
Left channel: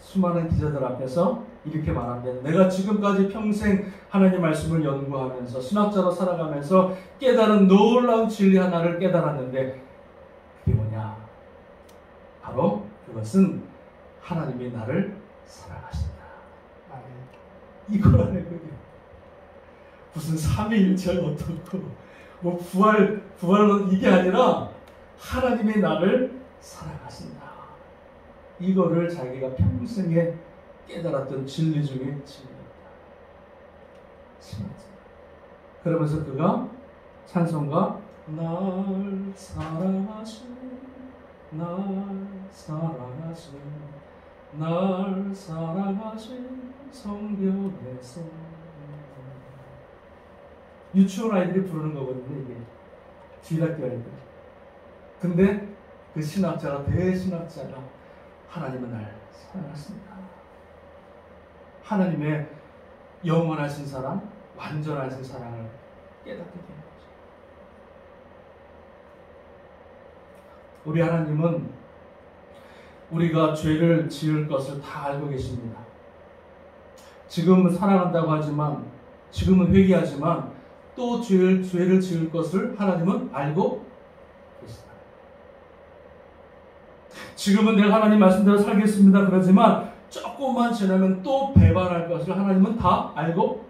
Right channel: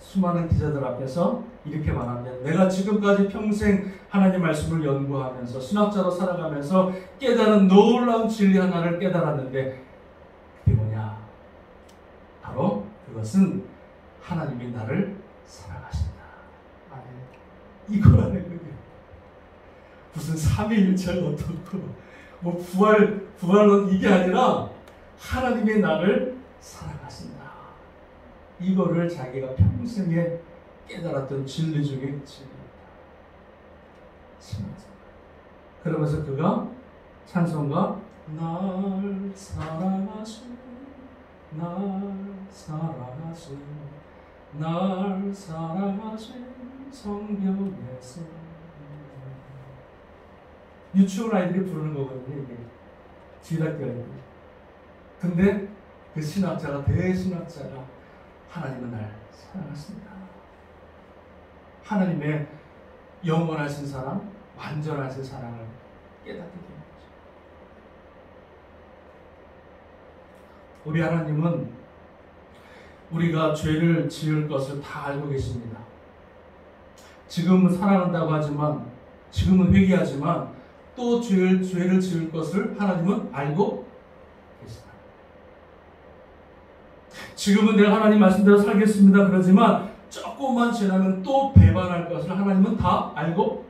수많은 기자들 앞에서 이렇게 말합니다. 내가 지금까지 평생 하나님 말씀을 연구하면서 신학자로 살아가면서 깨달은 놀라운 진리 하나를 깨달았는데 그게 뭐냐? 바로 그것은 하나님이 나를 사랑하신다. 이거라는 거예요. 무슨 삼위일체가 어떻고 뭐 부활은 이게 아니라 하나님이 나를 사랑하신다. 이거를 자기가 평생에 깨달았던 진리 중에 진리입니다. 그러면서 그가 찬송가 날 사랑하신 성경에서 유치원 아이들이 부르는 거거든요. 이게 주일학교 아이들. 근데 그 신학자가 대신학자가 하나님은 날 사랑하십니다. 하나님의 영원하신 사랑, 완전하신 사랑을 깨닫게 된 거죠. 우리 하나님은 우리가 죄를 지을 것을 다 알고 계십니다. 지금은 사랑한다고 하지만, 지금은 회개하지만 또 죄를 지을 것을 하나님은 알고 계시다. 지금은 내가 하나님 말씀대로 살겠습니다. 그러지만 조금만 지나면 또 배반할 것을 하나님은 다 알고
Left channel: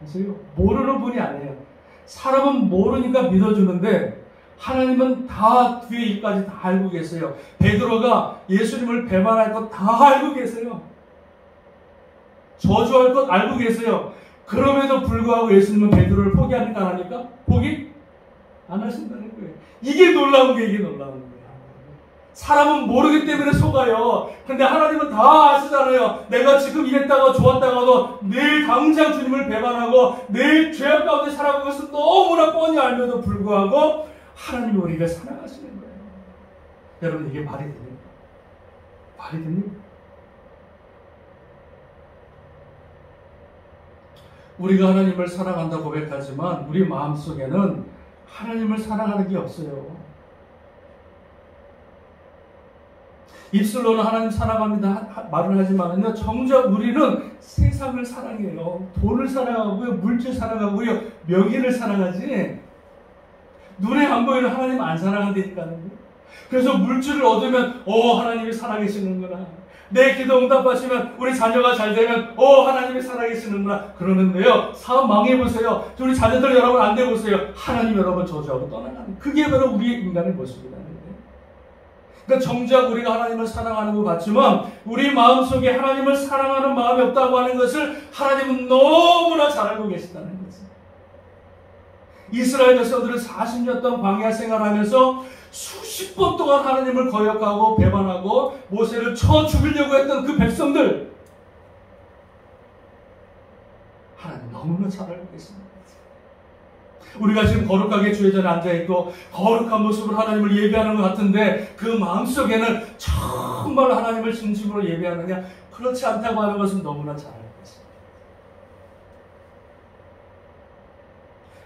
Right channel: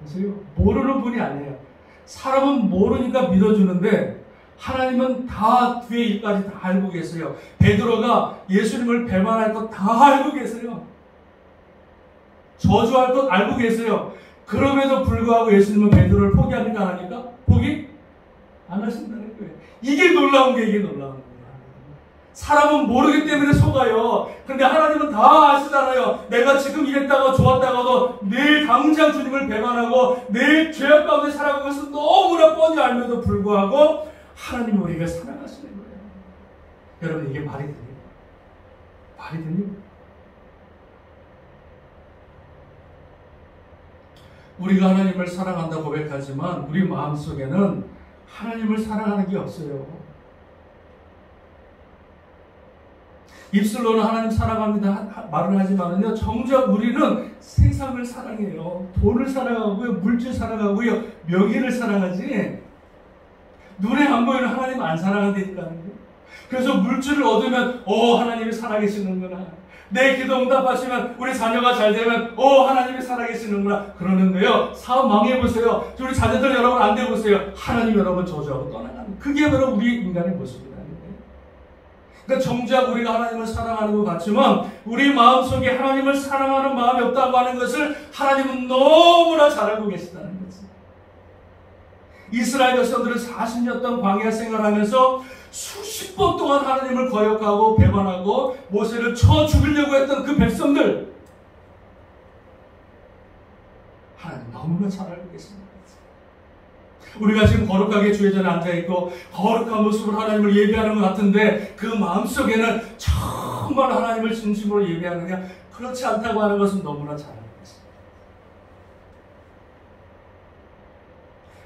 계세요. 모르는 분이 아니에요. 사람은 모르니까 믿어주는데 하나님은 다 뒤에 일까지 다 알고 계세요. 베드로가 예수님을 배반할 것 다 알고 계세요. 저주할 것 알고 계세요. 그럼에도 불구하고 예수님은 베드로를 포기하니까 안 합니까? 포기 안 하신다는 거예요. 이게 놀라운 거예요. 사람은 모르기 때문에 속아요. 근데 하나님은 다 아시잖아요. 내가 지금 이랬다가 좋았다가도 내일 당장 주님을 배반하고 내일 죄악 가운데 살아가는 것을 너무나 뻔히 알면도 불구하고 하나님이 우리를 사랑하시는 거예요. 여러분, 이게 말이 됩니까? 말이 됩니까? 우리가 하나님을 사랑한다 고백하지만 우리 마음속에는 하나님을 사랑하는 게 없어요. 입술로는 하나님 사랑합니다 말을 하지만은요, 정작 우리는 세상을 사랑해요. 돈을 사랑하고요, 물질 사랑하고요, 명예를 사랑하지 눈에 안 보이는 하나님 안 사랑한다니까요. 그래서 물질을 얻으면 하나님이 살아계시는구나, 내 기도 응답하시면 우리 자녀가 잘 되면 하나님이 살아계시는구나 그러는데요, 사업 망해보세요. 우리 자녀들 여러분 안 돼보세요. 하나님 여러분 저주하고 떠나가는, 그게 바로 우리 인간의 모습이라는 거예요. 그러니까 정작 우리가 하나님을 사랑하는 것 같지만 우리 마음속에 하나님을 사랑하는 마음이 없다고 하는 것을 하나님은 너무나 잘 알고 계시다는 거죠. 이스라엘 백성들은 40년 동안 광야 생활하면서 수십 번 동안 하나님을 거역하고 배반하고 모세를 쳐 죽이려고 했던 그 백성들, 하나님 너무나 잘 알고 계십니다. 우리가 지금 거룩하게 주의 전에 앉아있고 거룩한 모습으로 하나님을 예배하는 것 같은데 그 마음속에는 정말 하나님을 진심으로 예배하느냐, 그렇지 않다고 하는 것은 너무나 잘 알고 있습니다.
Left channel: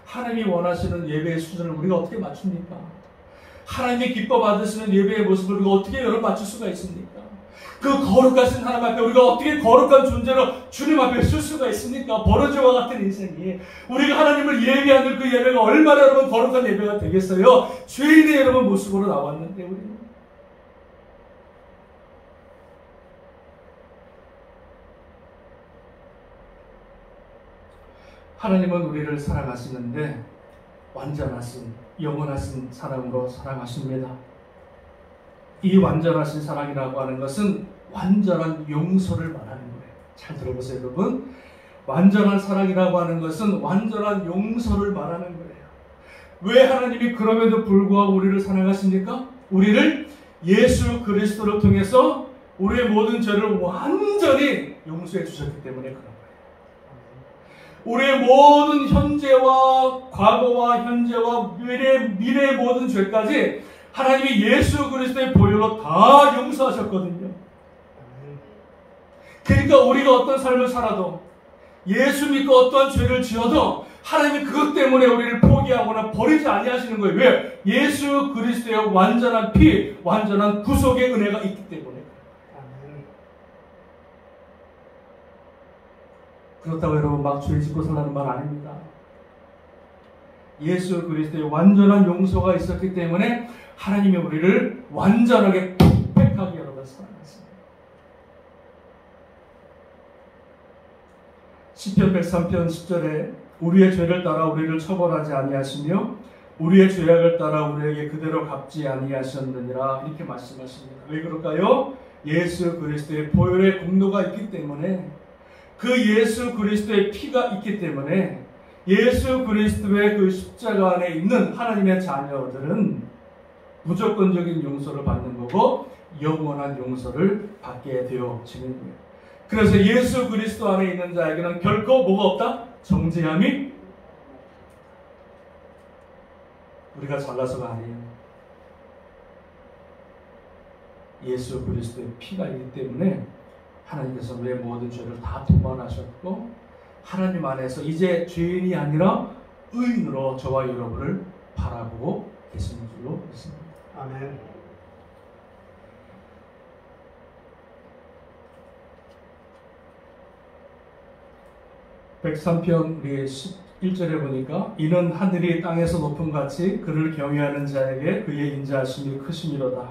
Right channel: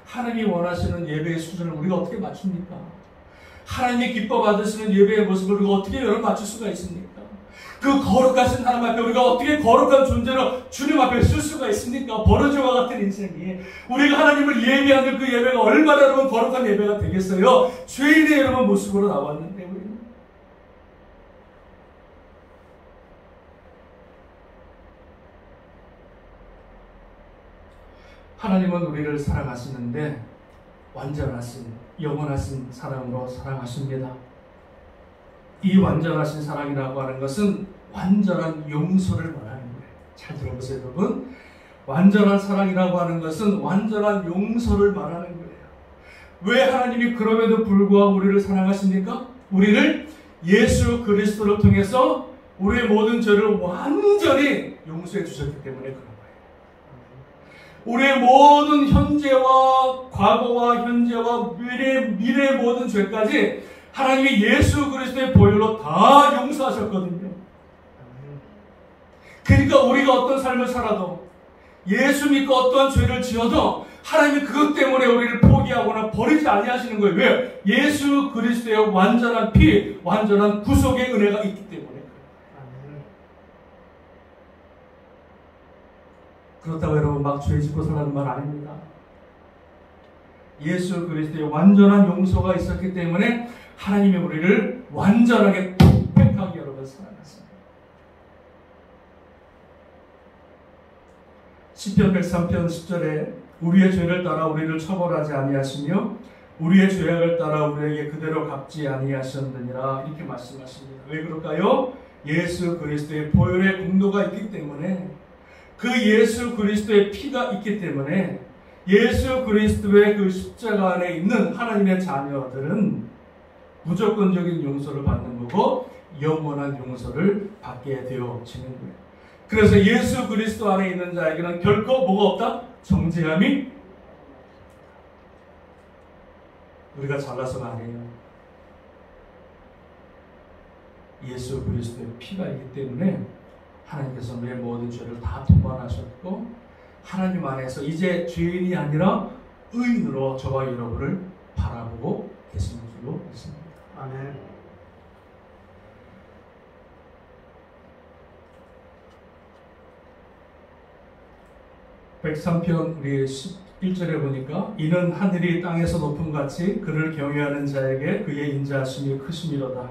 하나님이 원하시는 예배의 수준을 우리가 어떻게 맞춥니까? 하나님이 기뻐 받으시는 예배의 모습을 우리가 어떻게 여러분 맞출 수가 있습니까? 그 거룩하신 하나님 앞에 우리가 어떻게 거룩한 존재로 주님 앞에 쓸 수가 있습니까? 버러지와 같은 인생이, 우리가 하나님을 예배하는 그 예배가 얼마나 여러분 거룩한 예배가 되겠어요? 죄인의 여러분 모습으로 나왔는데 우리는. 하나님은 우리를 사랑하시는데 완전하신, 영원하신 사랑으로 사랑하십니다. 이 완전하신 사랑이라고 하는 것은 완전한 용서를 말하는 거예요. 잘 들어보세요, 여러분. 완전한 사랑이라고 하는 것은 완전한 용서를 말하는 거예요. 왜 하나님이 그럼에도 불구하고 우리를 사랑하십니까? 우리를 예수 그리스도를 통해서 우리의 모든 죄를 완전히 용서해 주셨기 때문에 그런 거예요. 우리의 모든 현재와 과거와 현재와 미래의 모든 죄까지 하나님이 예수 그리스도의 보혈로 다 용서하셨거든요. 그러니까 우리가 어떤 삶을 살아도 예수 믿고 어떠한 죄를 지어도 하나님이 그것 때문에 우리를 포기하거나 버리지 아니하시는 거예요. 왜? 예수 그리스도의 완전한 피, 완전한 구속의 은혜가 있기 때문에. 그렇다고 여러분 막 죄 짓고 살라는 말 아닙니다. 예수 그리스도의 완전한 용서가 있었기 때문에 하나님이 우리를 완전하게 perfect하게 여러분 사랑하십니다. 시편 103편 10절에 우리의 죄를 따라 우리를 처벌하지 아니하시며 우리의 죄악을 따라 우리에게 그대로 갚지 아니하셨느니라 이렇게 말씀하십니다. 왜 그럴까요? 예수 그리스도의 보혈의 공로가 있기 때문에, 그 예수 그리스도의 피가 있기 때문에, 예수 그리스도의 그 십자가 안에 있는 하나님의 자녀들은 무조건적인 용서를 받는 거고 영원한 용서를 받게 되어지는 거예요. 그래서 예수 그리스도 안에 있는 자에게는 결코 뭐가 없다? 정죄함이. 우리가 잘나서가 아니에요. 예수 그리스도의 피가 있기 때문에 하나님께서 우리의 모든 죄를 다 도말하셨고 하나님 안에서 이제 죄인이 아니라 의인으로 저와 여러분을 바라보고 계시는 줄로 믿습니다. 아멘. (103편) 우리 11절에 보니까 이는 하늘이 땅에서 높음 같이 그를 경외하는 자에게 그의 인자하심이 크심이로다.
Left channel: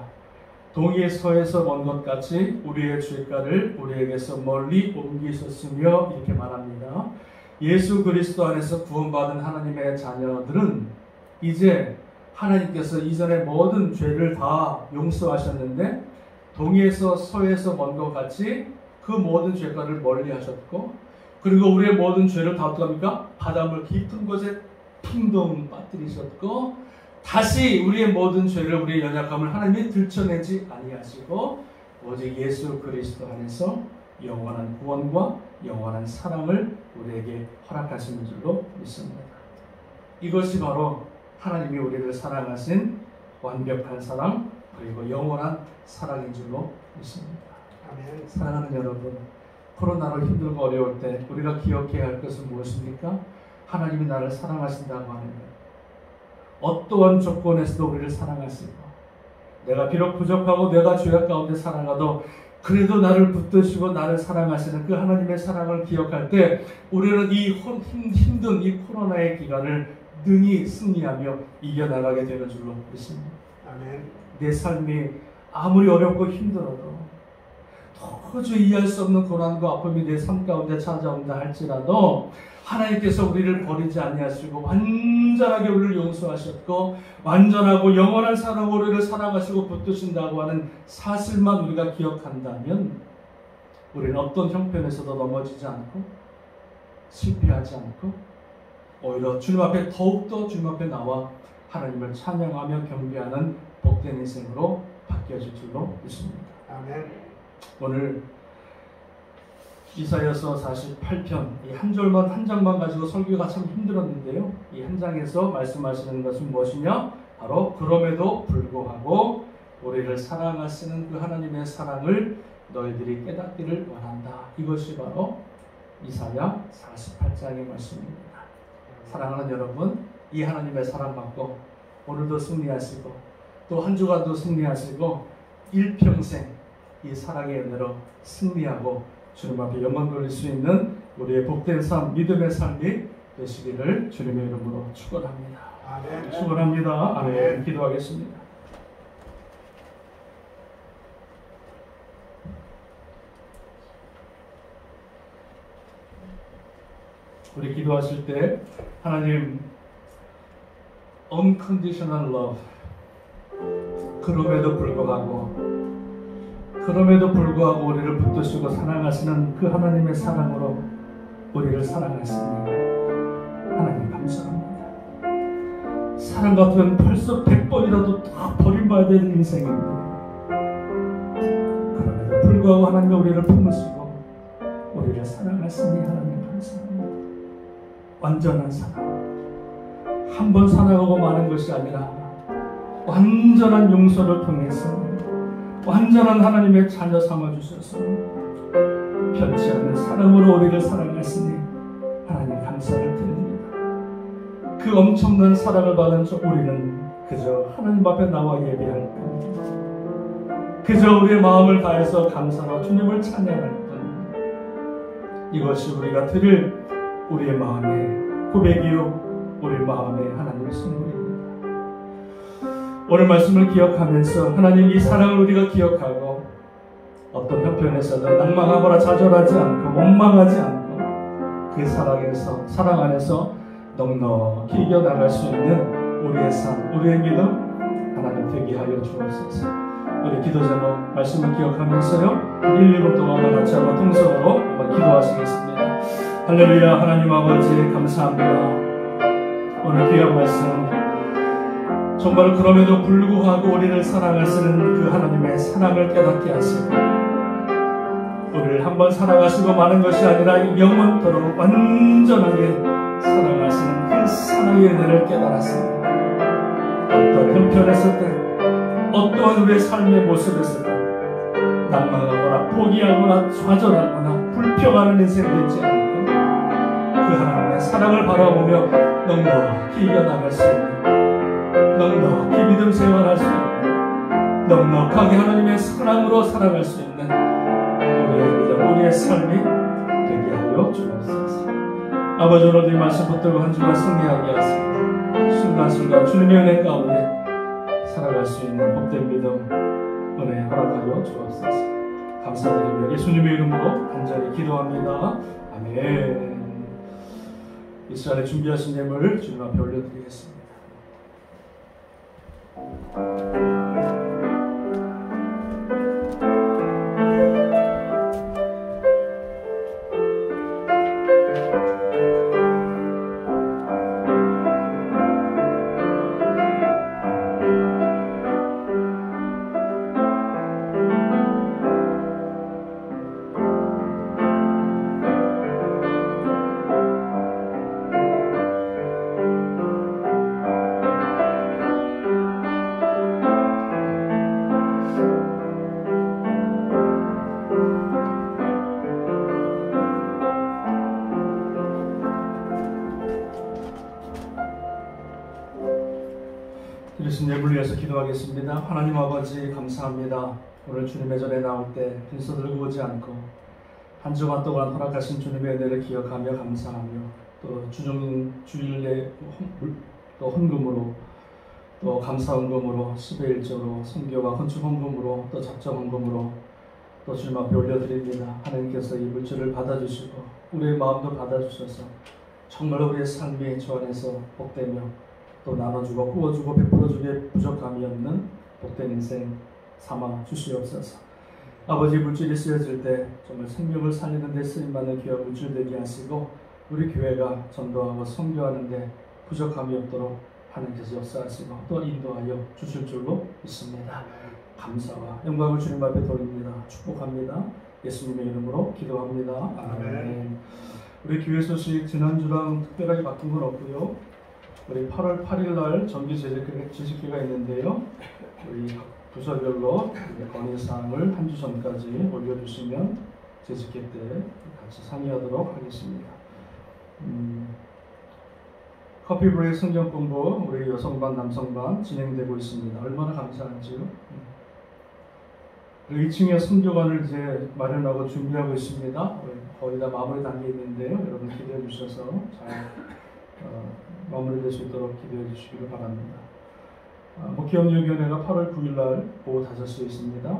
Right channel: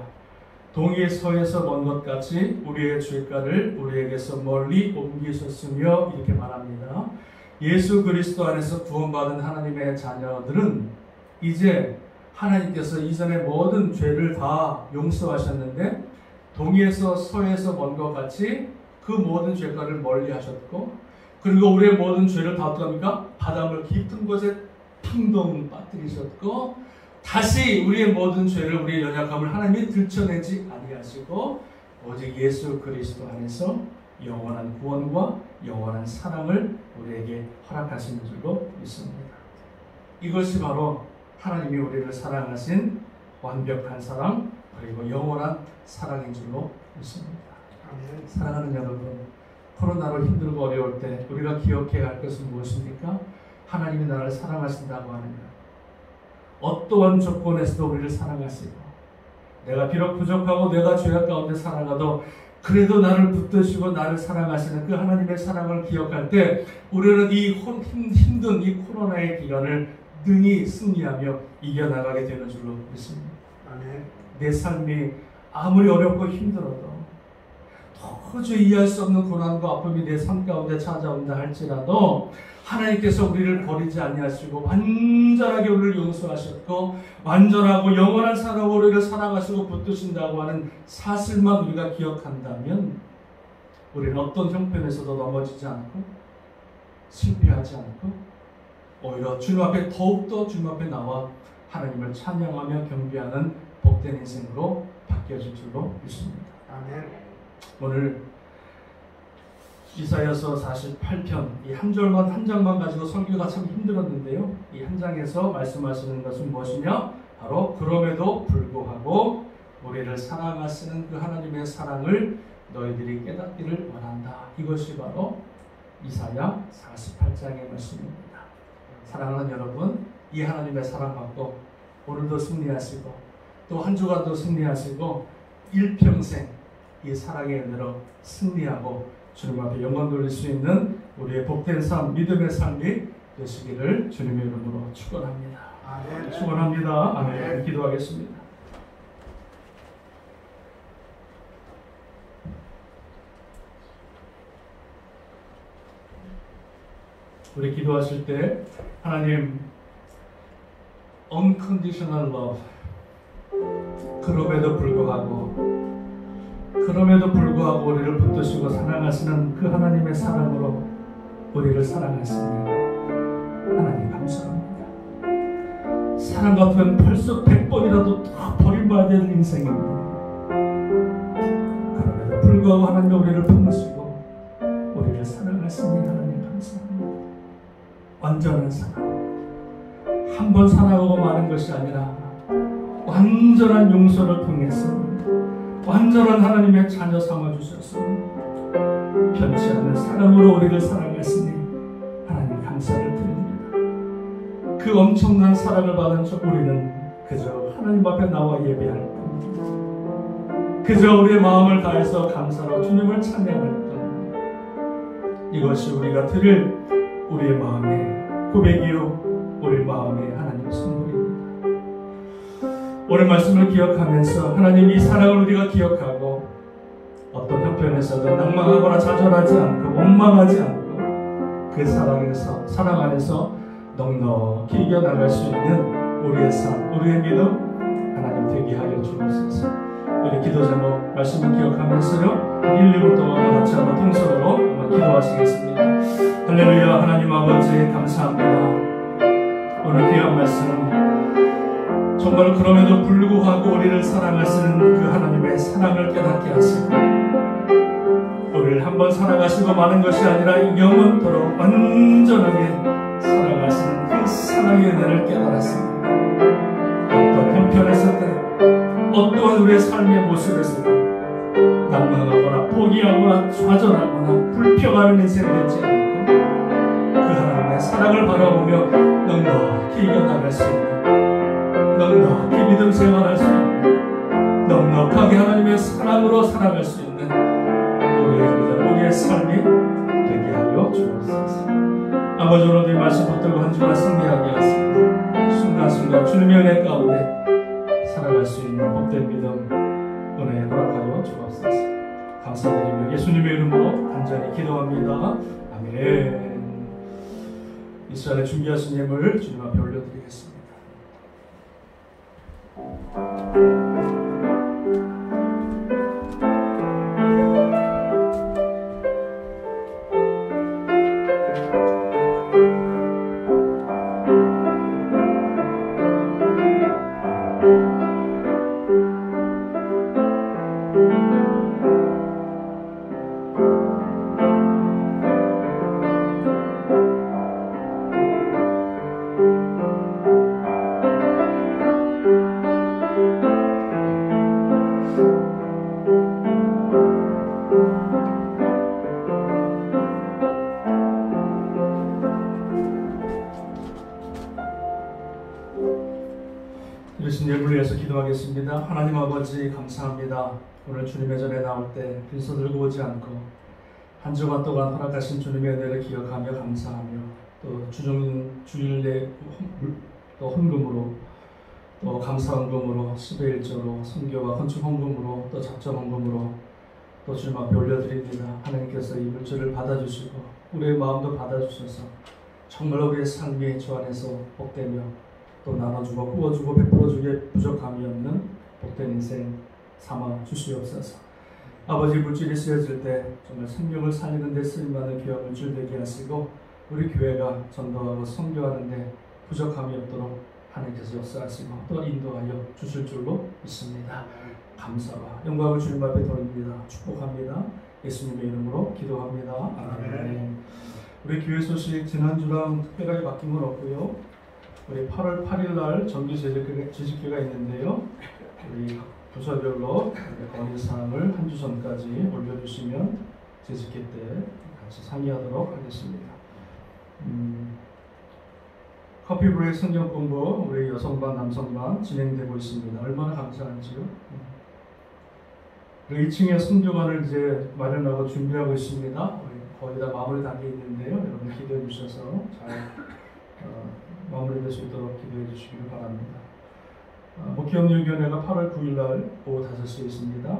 동이 서에서 먼 것 같이 우리의 죄가를 우리에게서 멀리 옮기셨으며 이렇게 말합니다. 예수 그리스도 안에서 구원받은 하나님의 자녀들은 이제 하나님께서 이전에 모든 죄를 다 용서하셨는데 동에서 서에서 먼 것 같이 그 모든 죄가를 멀리 하셨고, 그리고 우리의 모든 죄를 다 어떡합니까? 바닷물 깊은 곳에 텅덩 빠뜨리셨고, 다시 우리의 모든 죄를, 우리의 연약함을 하나님이 들춰내지 아니하시고 오직 예수 그리스도 안에서 영원한 구원과 영원한 사랑을 우리에게 허락하시는 줄로 믿습니다. 이것이 바로 하나님이 우리를 사랑하신 완벽한 사랑, 그리고 영원한 사랑인 줄로 믿습니다. 아멘. 사랑하는 여러분, 코로나로 힘들고 어려울 때 우리가 기억해야 할 것은 무엇입니까? 하나님이 나를 사랑하신다고 하는 거예요. 어떠한 조건에서도 우리를 사랑하시고, 내가 비록 부족하고 내가 죄악 가운데 살아가도 그래도 나를 붙드시고 나를 사랑하시는 그 하나님의 사랑을 기억할 때 우리는 이 힘든 이 코로나의 기간을 능히 승리하며 이겨나가게 되는 줄로 믿습니다. 아멘. 내 삶이 아무리 어렵고 힘들어도, 도저히 이해할 수 없는 고난과 아픔이 내 삶 가운데 찾아온다 할지라도 하나님께서 우리를 버리지 아니하시고 완전하게 우리를 용서하셨고 완전하고 영원한 사랑으로 우리를 사랑하시고 붙드신다고 하는 사실만 우리가 기억한다면 우리는 어떤 형편에서도 넘어지지 않고 실패하지 않고 오히려 주님 앞에 더욱더 주님 앞에 나와 하나님을 찬양하며 경배하는 복된 인생으로 바뀌어질 줄로 믿습니다. 아멘. 오늘 이사야서 48편 이 한 절만 한 장만 가지고 설교가 참 힘들었는데요. 이 한 장에서 말씀하시는 것은 무엇이냐? 바로 그럼에도 불구하고 우리를 사랑하시는 그 하나님의 사랑을 너희들이 깨닫기를 원한다. 이것이 바로 이사야 48장의 말씀입니다. 사랑하는 여러분, 이 하나님의 사랑 받고 오늘도 승리하시고 또 한 주간도 승리하시고 일평생 이 사랑의 은혜로 승리하고 주님 앞에 영광 돌릴 수 있는 우리의 복된 삶, 믿음의 삶이 되시기를 주님의 이름으로 축원합니다. 아멘. 축원합니다. 아멘. 아멘. 기도하겠습니다. 우리 기도하실 때 하나님 unconditional love, 그럼에도 불구하고 우리를 붙드시고 사랑하시는 그 하나님의 사랑으로 우리를 사랑하시니 하나님 감사합니다. 사랑 같으면 벌써 100번이라도 다 버림받아야 될 인생인데 그럼에도 불구하고 하나님이 우리를 품으시고 우리를 사랑하시니 하나님 감사합니다. 완전한 사랑, 한 번 사랑하고 마는 것이 아니라 완전한 용서를 통해서 완전한 하나님의 자녀 삼아주셔서 변치 않는 사랑으로 우리를 사랑하시니 감사를 드립니다. 그 엄청난 사랑을 받은 우리는 그저 하나님 앞에 나와 예배할 뿐, 그저 우리의 마음을 다해서 감사로 주님을 찬양할 뿐, 이것이 우리가 드릴 우리의 마음의 고백이요 우리 마음의 하나님 선물입니다. 오늘 말씀을 기억하면서 하나님 이 사랑을 우리가 기억하고 어떤 형편에서도 낭망하거나 좌절하지 않고 원망하지 않고 그 사랑 안에서 넉넉히 이겨나갈 수 있는 우리의 삶, 우리의 믿음 하나님 되게 하여 주옵소서. 우리 기도 제목 말씀을 기억하면서요 1, 2분 동안 같이 한번 통성으로 한번 기도하시겠습니다. 할렐루야. 하나님 아버지 감사합니다. 오늘 귀한 말씀 정말 그럼에도 불구하고 우리를 사랑하시는 그 하나님의 사랑을 깨닫게 하시고 우리를 한번 사랑하시고 마는 것이 아니라 영원토록 완전하게 사랑하시는 그 사랑의 은혜를 깨달았습니다. 어떤 형편에서든 어떠한 우리의 삶의 모습에서도 낭망하거나 포기하거나 좌절하거나 불평하는 인생을 되지 않고 그 하나님의 사랑을 바라보며 넉넉히 이겨나갈 수 있는, 넉넉히 믿음 생활할 수 있는, 넉넉하게 하나님의 사랑으로 살아갈 수 있는 우리의 믿음, 우리의 삶이 되게 하여 주옵소서. 아버지 오늘도 이 말씀 붙들고 한 주간 승리하게 하시고 순간순간 주님의 은혜 가운데 살아갈 수 있는 복된 믿음 은혜 허락하여 주옵소서. 감사드리며 예수님의 이름으로 간절히 기도합니다. 아멘. 이 시간에 준비하신 예물을 주님 앞에 올려드리겠습니다. 이러신 예물을 위해서 기도하겠습니다. 하나님 아버지 감사합니다. 오늘 주님의 전에 나올 때 빈손 들고 오지 않고 한 주간 동안 허락하신 주님의 은혜를 기억하며 감사하며 또 주일내 또 헌금으로 또 감사헌금으로 10의 1조로 선교와 건축 헌금으로 또 작정 헌금으로 또 주님 앞에 올려드립니다. 하나님께서 이 물질을 받아주시고 우리의 마음도 받아주셔서 정말 우리의 삶이 주 안에서 복되며 또 나눠주고 부어주고 베풀어주기에 부족함이 없는 복된 인생 삼아 주시옵소서. 아버지 물질이 쓰여질 때 정말 생명을 살리는 데 쓰임받는 귀한 물질 되게 하시고 우리 교회가 전도하고 선교하는 데 부족함이 없도록 하나님께서 역사하시고 또 인도하여 주실 줄로 믿습니다. 감사와 영광을 주님 앞에 돌립니다. 축복합니다. 예수님의 이름으로 기도합니다. 아멘. 우리 교회 소식 지난주랑 특별하게 바뀐 건 없고요. 우리 8월 8일 날 정규 재직기가 있는데요. 우리 부서별로 건의사항을 한 주 전까지 올려주시면 재직기 때 같이 상의하도록 하겠습니다. 커피 브레이크 성경 공부 우리 여성반 남성반 진행되고 있습니다. 얼마나 감사한지요. 2층에 성교관을 이제 마련하고 준비하고 있습니다. 거의 다 마무리 단계에 있는데요. 여러분 기대해 주셔서 잘 마무리될 수 있도록 기도해 주시기를 바랍니다. 목회협력위원회가 8월 9일 날 오후 5시에 있습니다.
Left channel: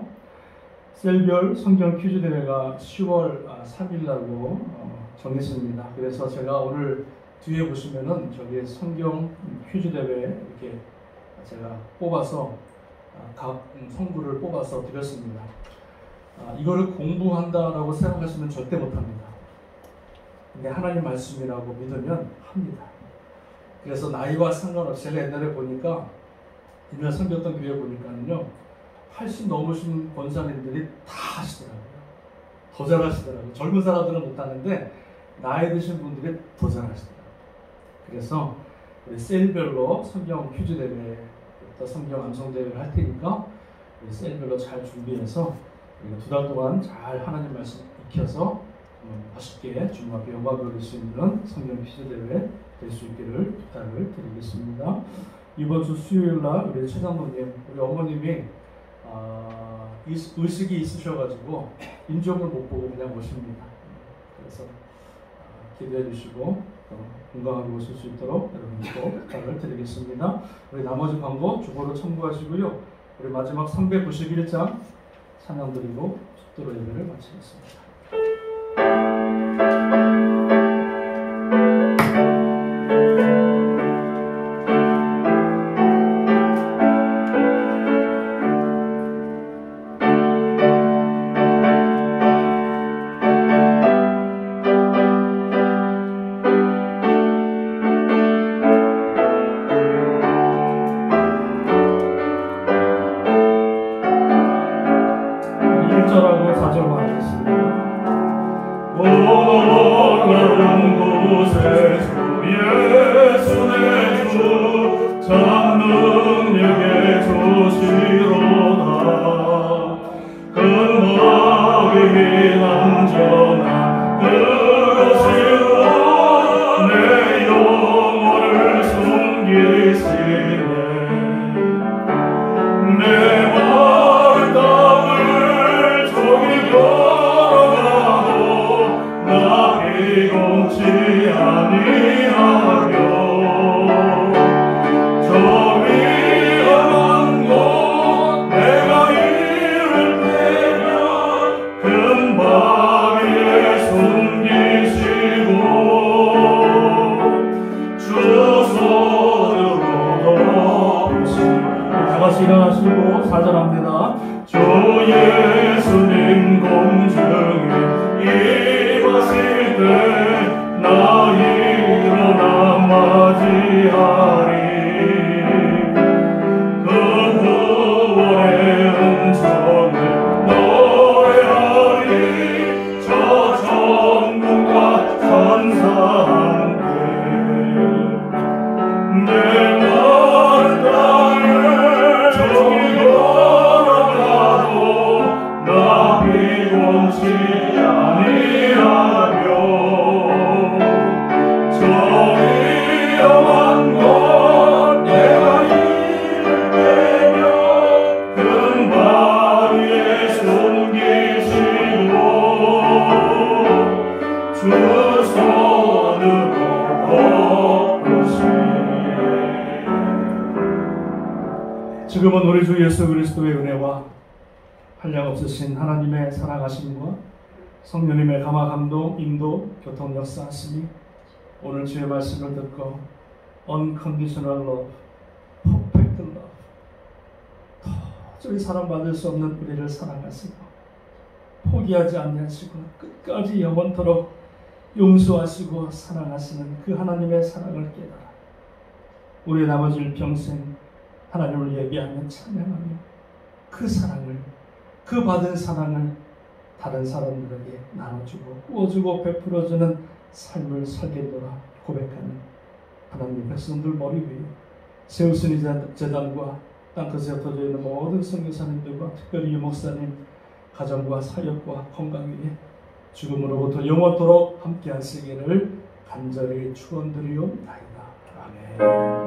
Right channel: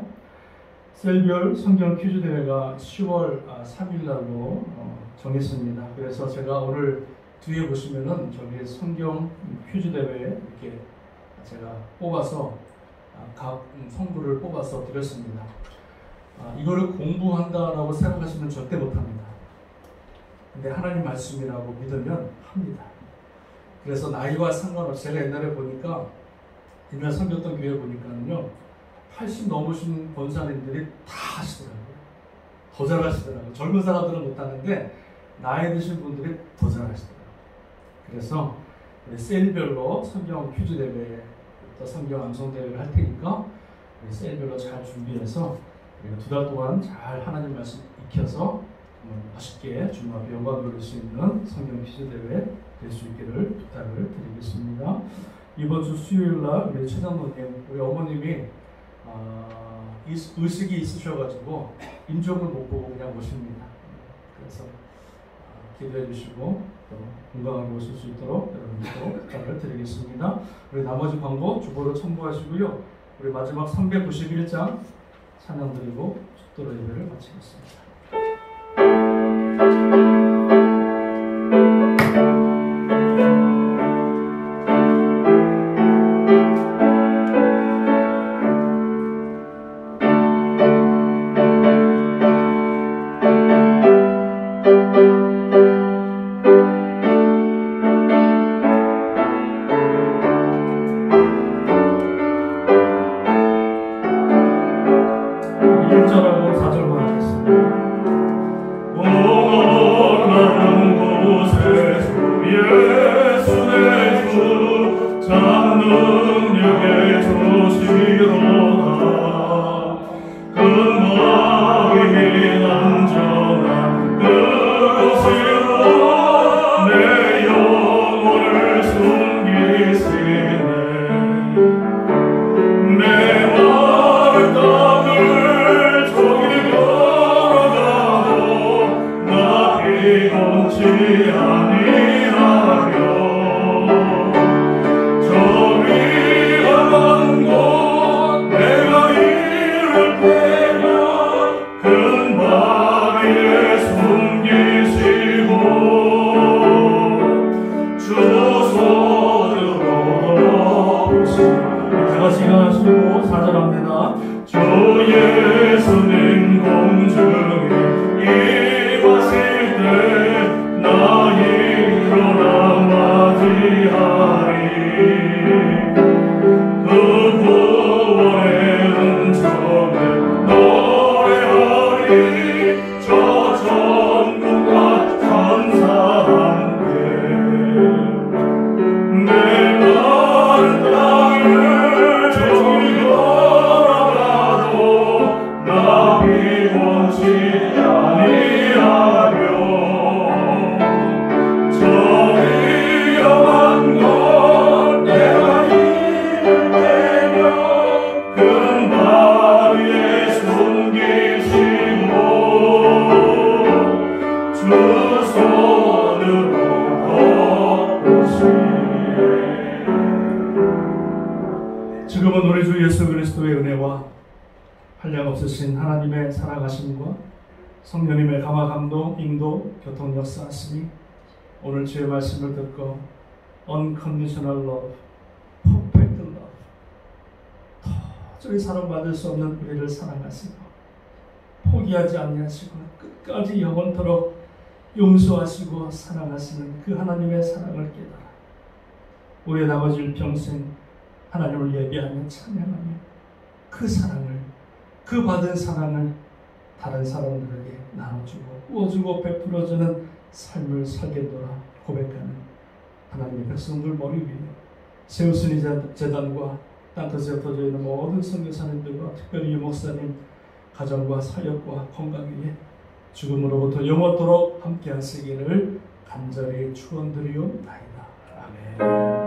셀별 성경 퀴즈 대회가 10월 3일 날로 정했습니다. 그래서 제가 오늘 뒤에 보시면은 저기 성경 퀴즈 대회 이렇게 제가 뽑아서 각 성구를 뽑아서 드렸습니다. 이거를 공부한다라고 생각하시면 절대 못합니다. 근데 하나님 말씀이라고 믿으면 합니다. 그래서 나이와 상관없이 제가 옛날에 보니까 옛날 섬겼던 교회 보니까는요 80 넘으신 권사님들이 다 하시더라고요. 더 잘하시더라고요. 젊은 사람들은 못하는데 나이 드신 분들이 더 잘하시더라고요. 그래서 우리 셀별로 성경 퀴즈 대회 또 성경 암송 대회를 할 테니까 우리 셀별로 잘 준비해서 우리가 2달 동안 잘 하나님 말씀 익혀서 멋있게 주님 앞에 영광 돌릴 수 있는 성경 퀴즈 대회 될 수 있기를 부탁을 드리겠습니다. 이번 주 수요일 날 우리 처장로님, 우리 어머님이 의식이 있으셔가지고 인적을 못 보고 그냥 오십니다. 그래서 기도해 주시고 또 건강하게 오실 수 있도록 여러분들도 부탁을 드리겠습니다. 우리 나머지 광고 주보로 첨부하시고요. 우리 마지막 391장 찬양 드리고 축도로 예배를 마치겠습니다. 지금은 우리 주 예수 그리스도의 은혜와 한량없으신 하나님의 사랑하심과 성령님의 감화 감동, 인도, 교통 역사하심이 오늘 주의 말씀을 듣고 unconditional love, perfect love, 도저히 사랑받을 수 없는 우리를 사랑하시고 포기하지 아니하시고 끝까지 영원토록 용서하시고 사랑하시는 그 하나님의 사랑을 깨달아 우리의 나머지 평생 하나님을 예배하며 찬양하며 그 사랑을, 그 받은 사랑을 다른 사람들에게 나눠주고 구워주고 베풀어주는 삶을 살겠노라 고백하는 하나님의 백성들 머리 위에 세우스니 재단과 땅끝에 흩어져 있는 모든 선교사님들과 특별히 유목사님 가정과 사역과 건강 위에 죽음으로부터 영원토록 함께 하시기를 간절히 축원드리옵나이다. 아멘.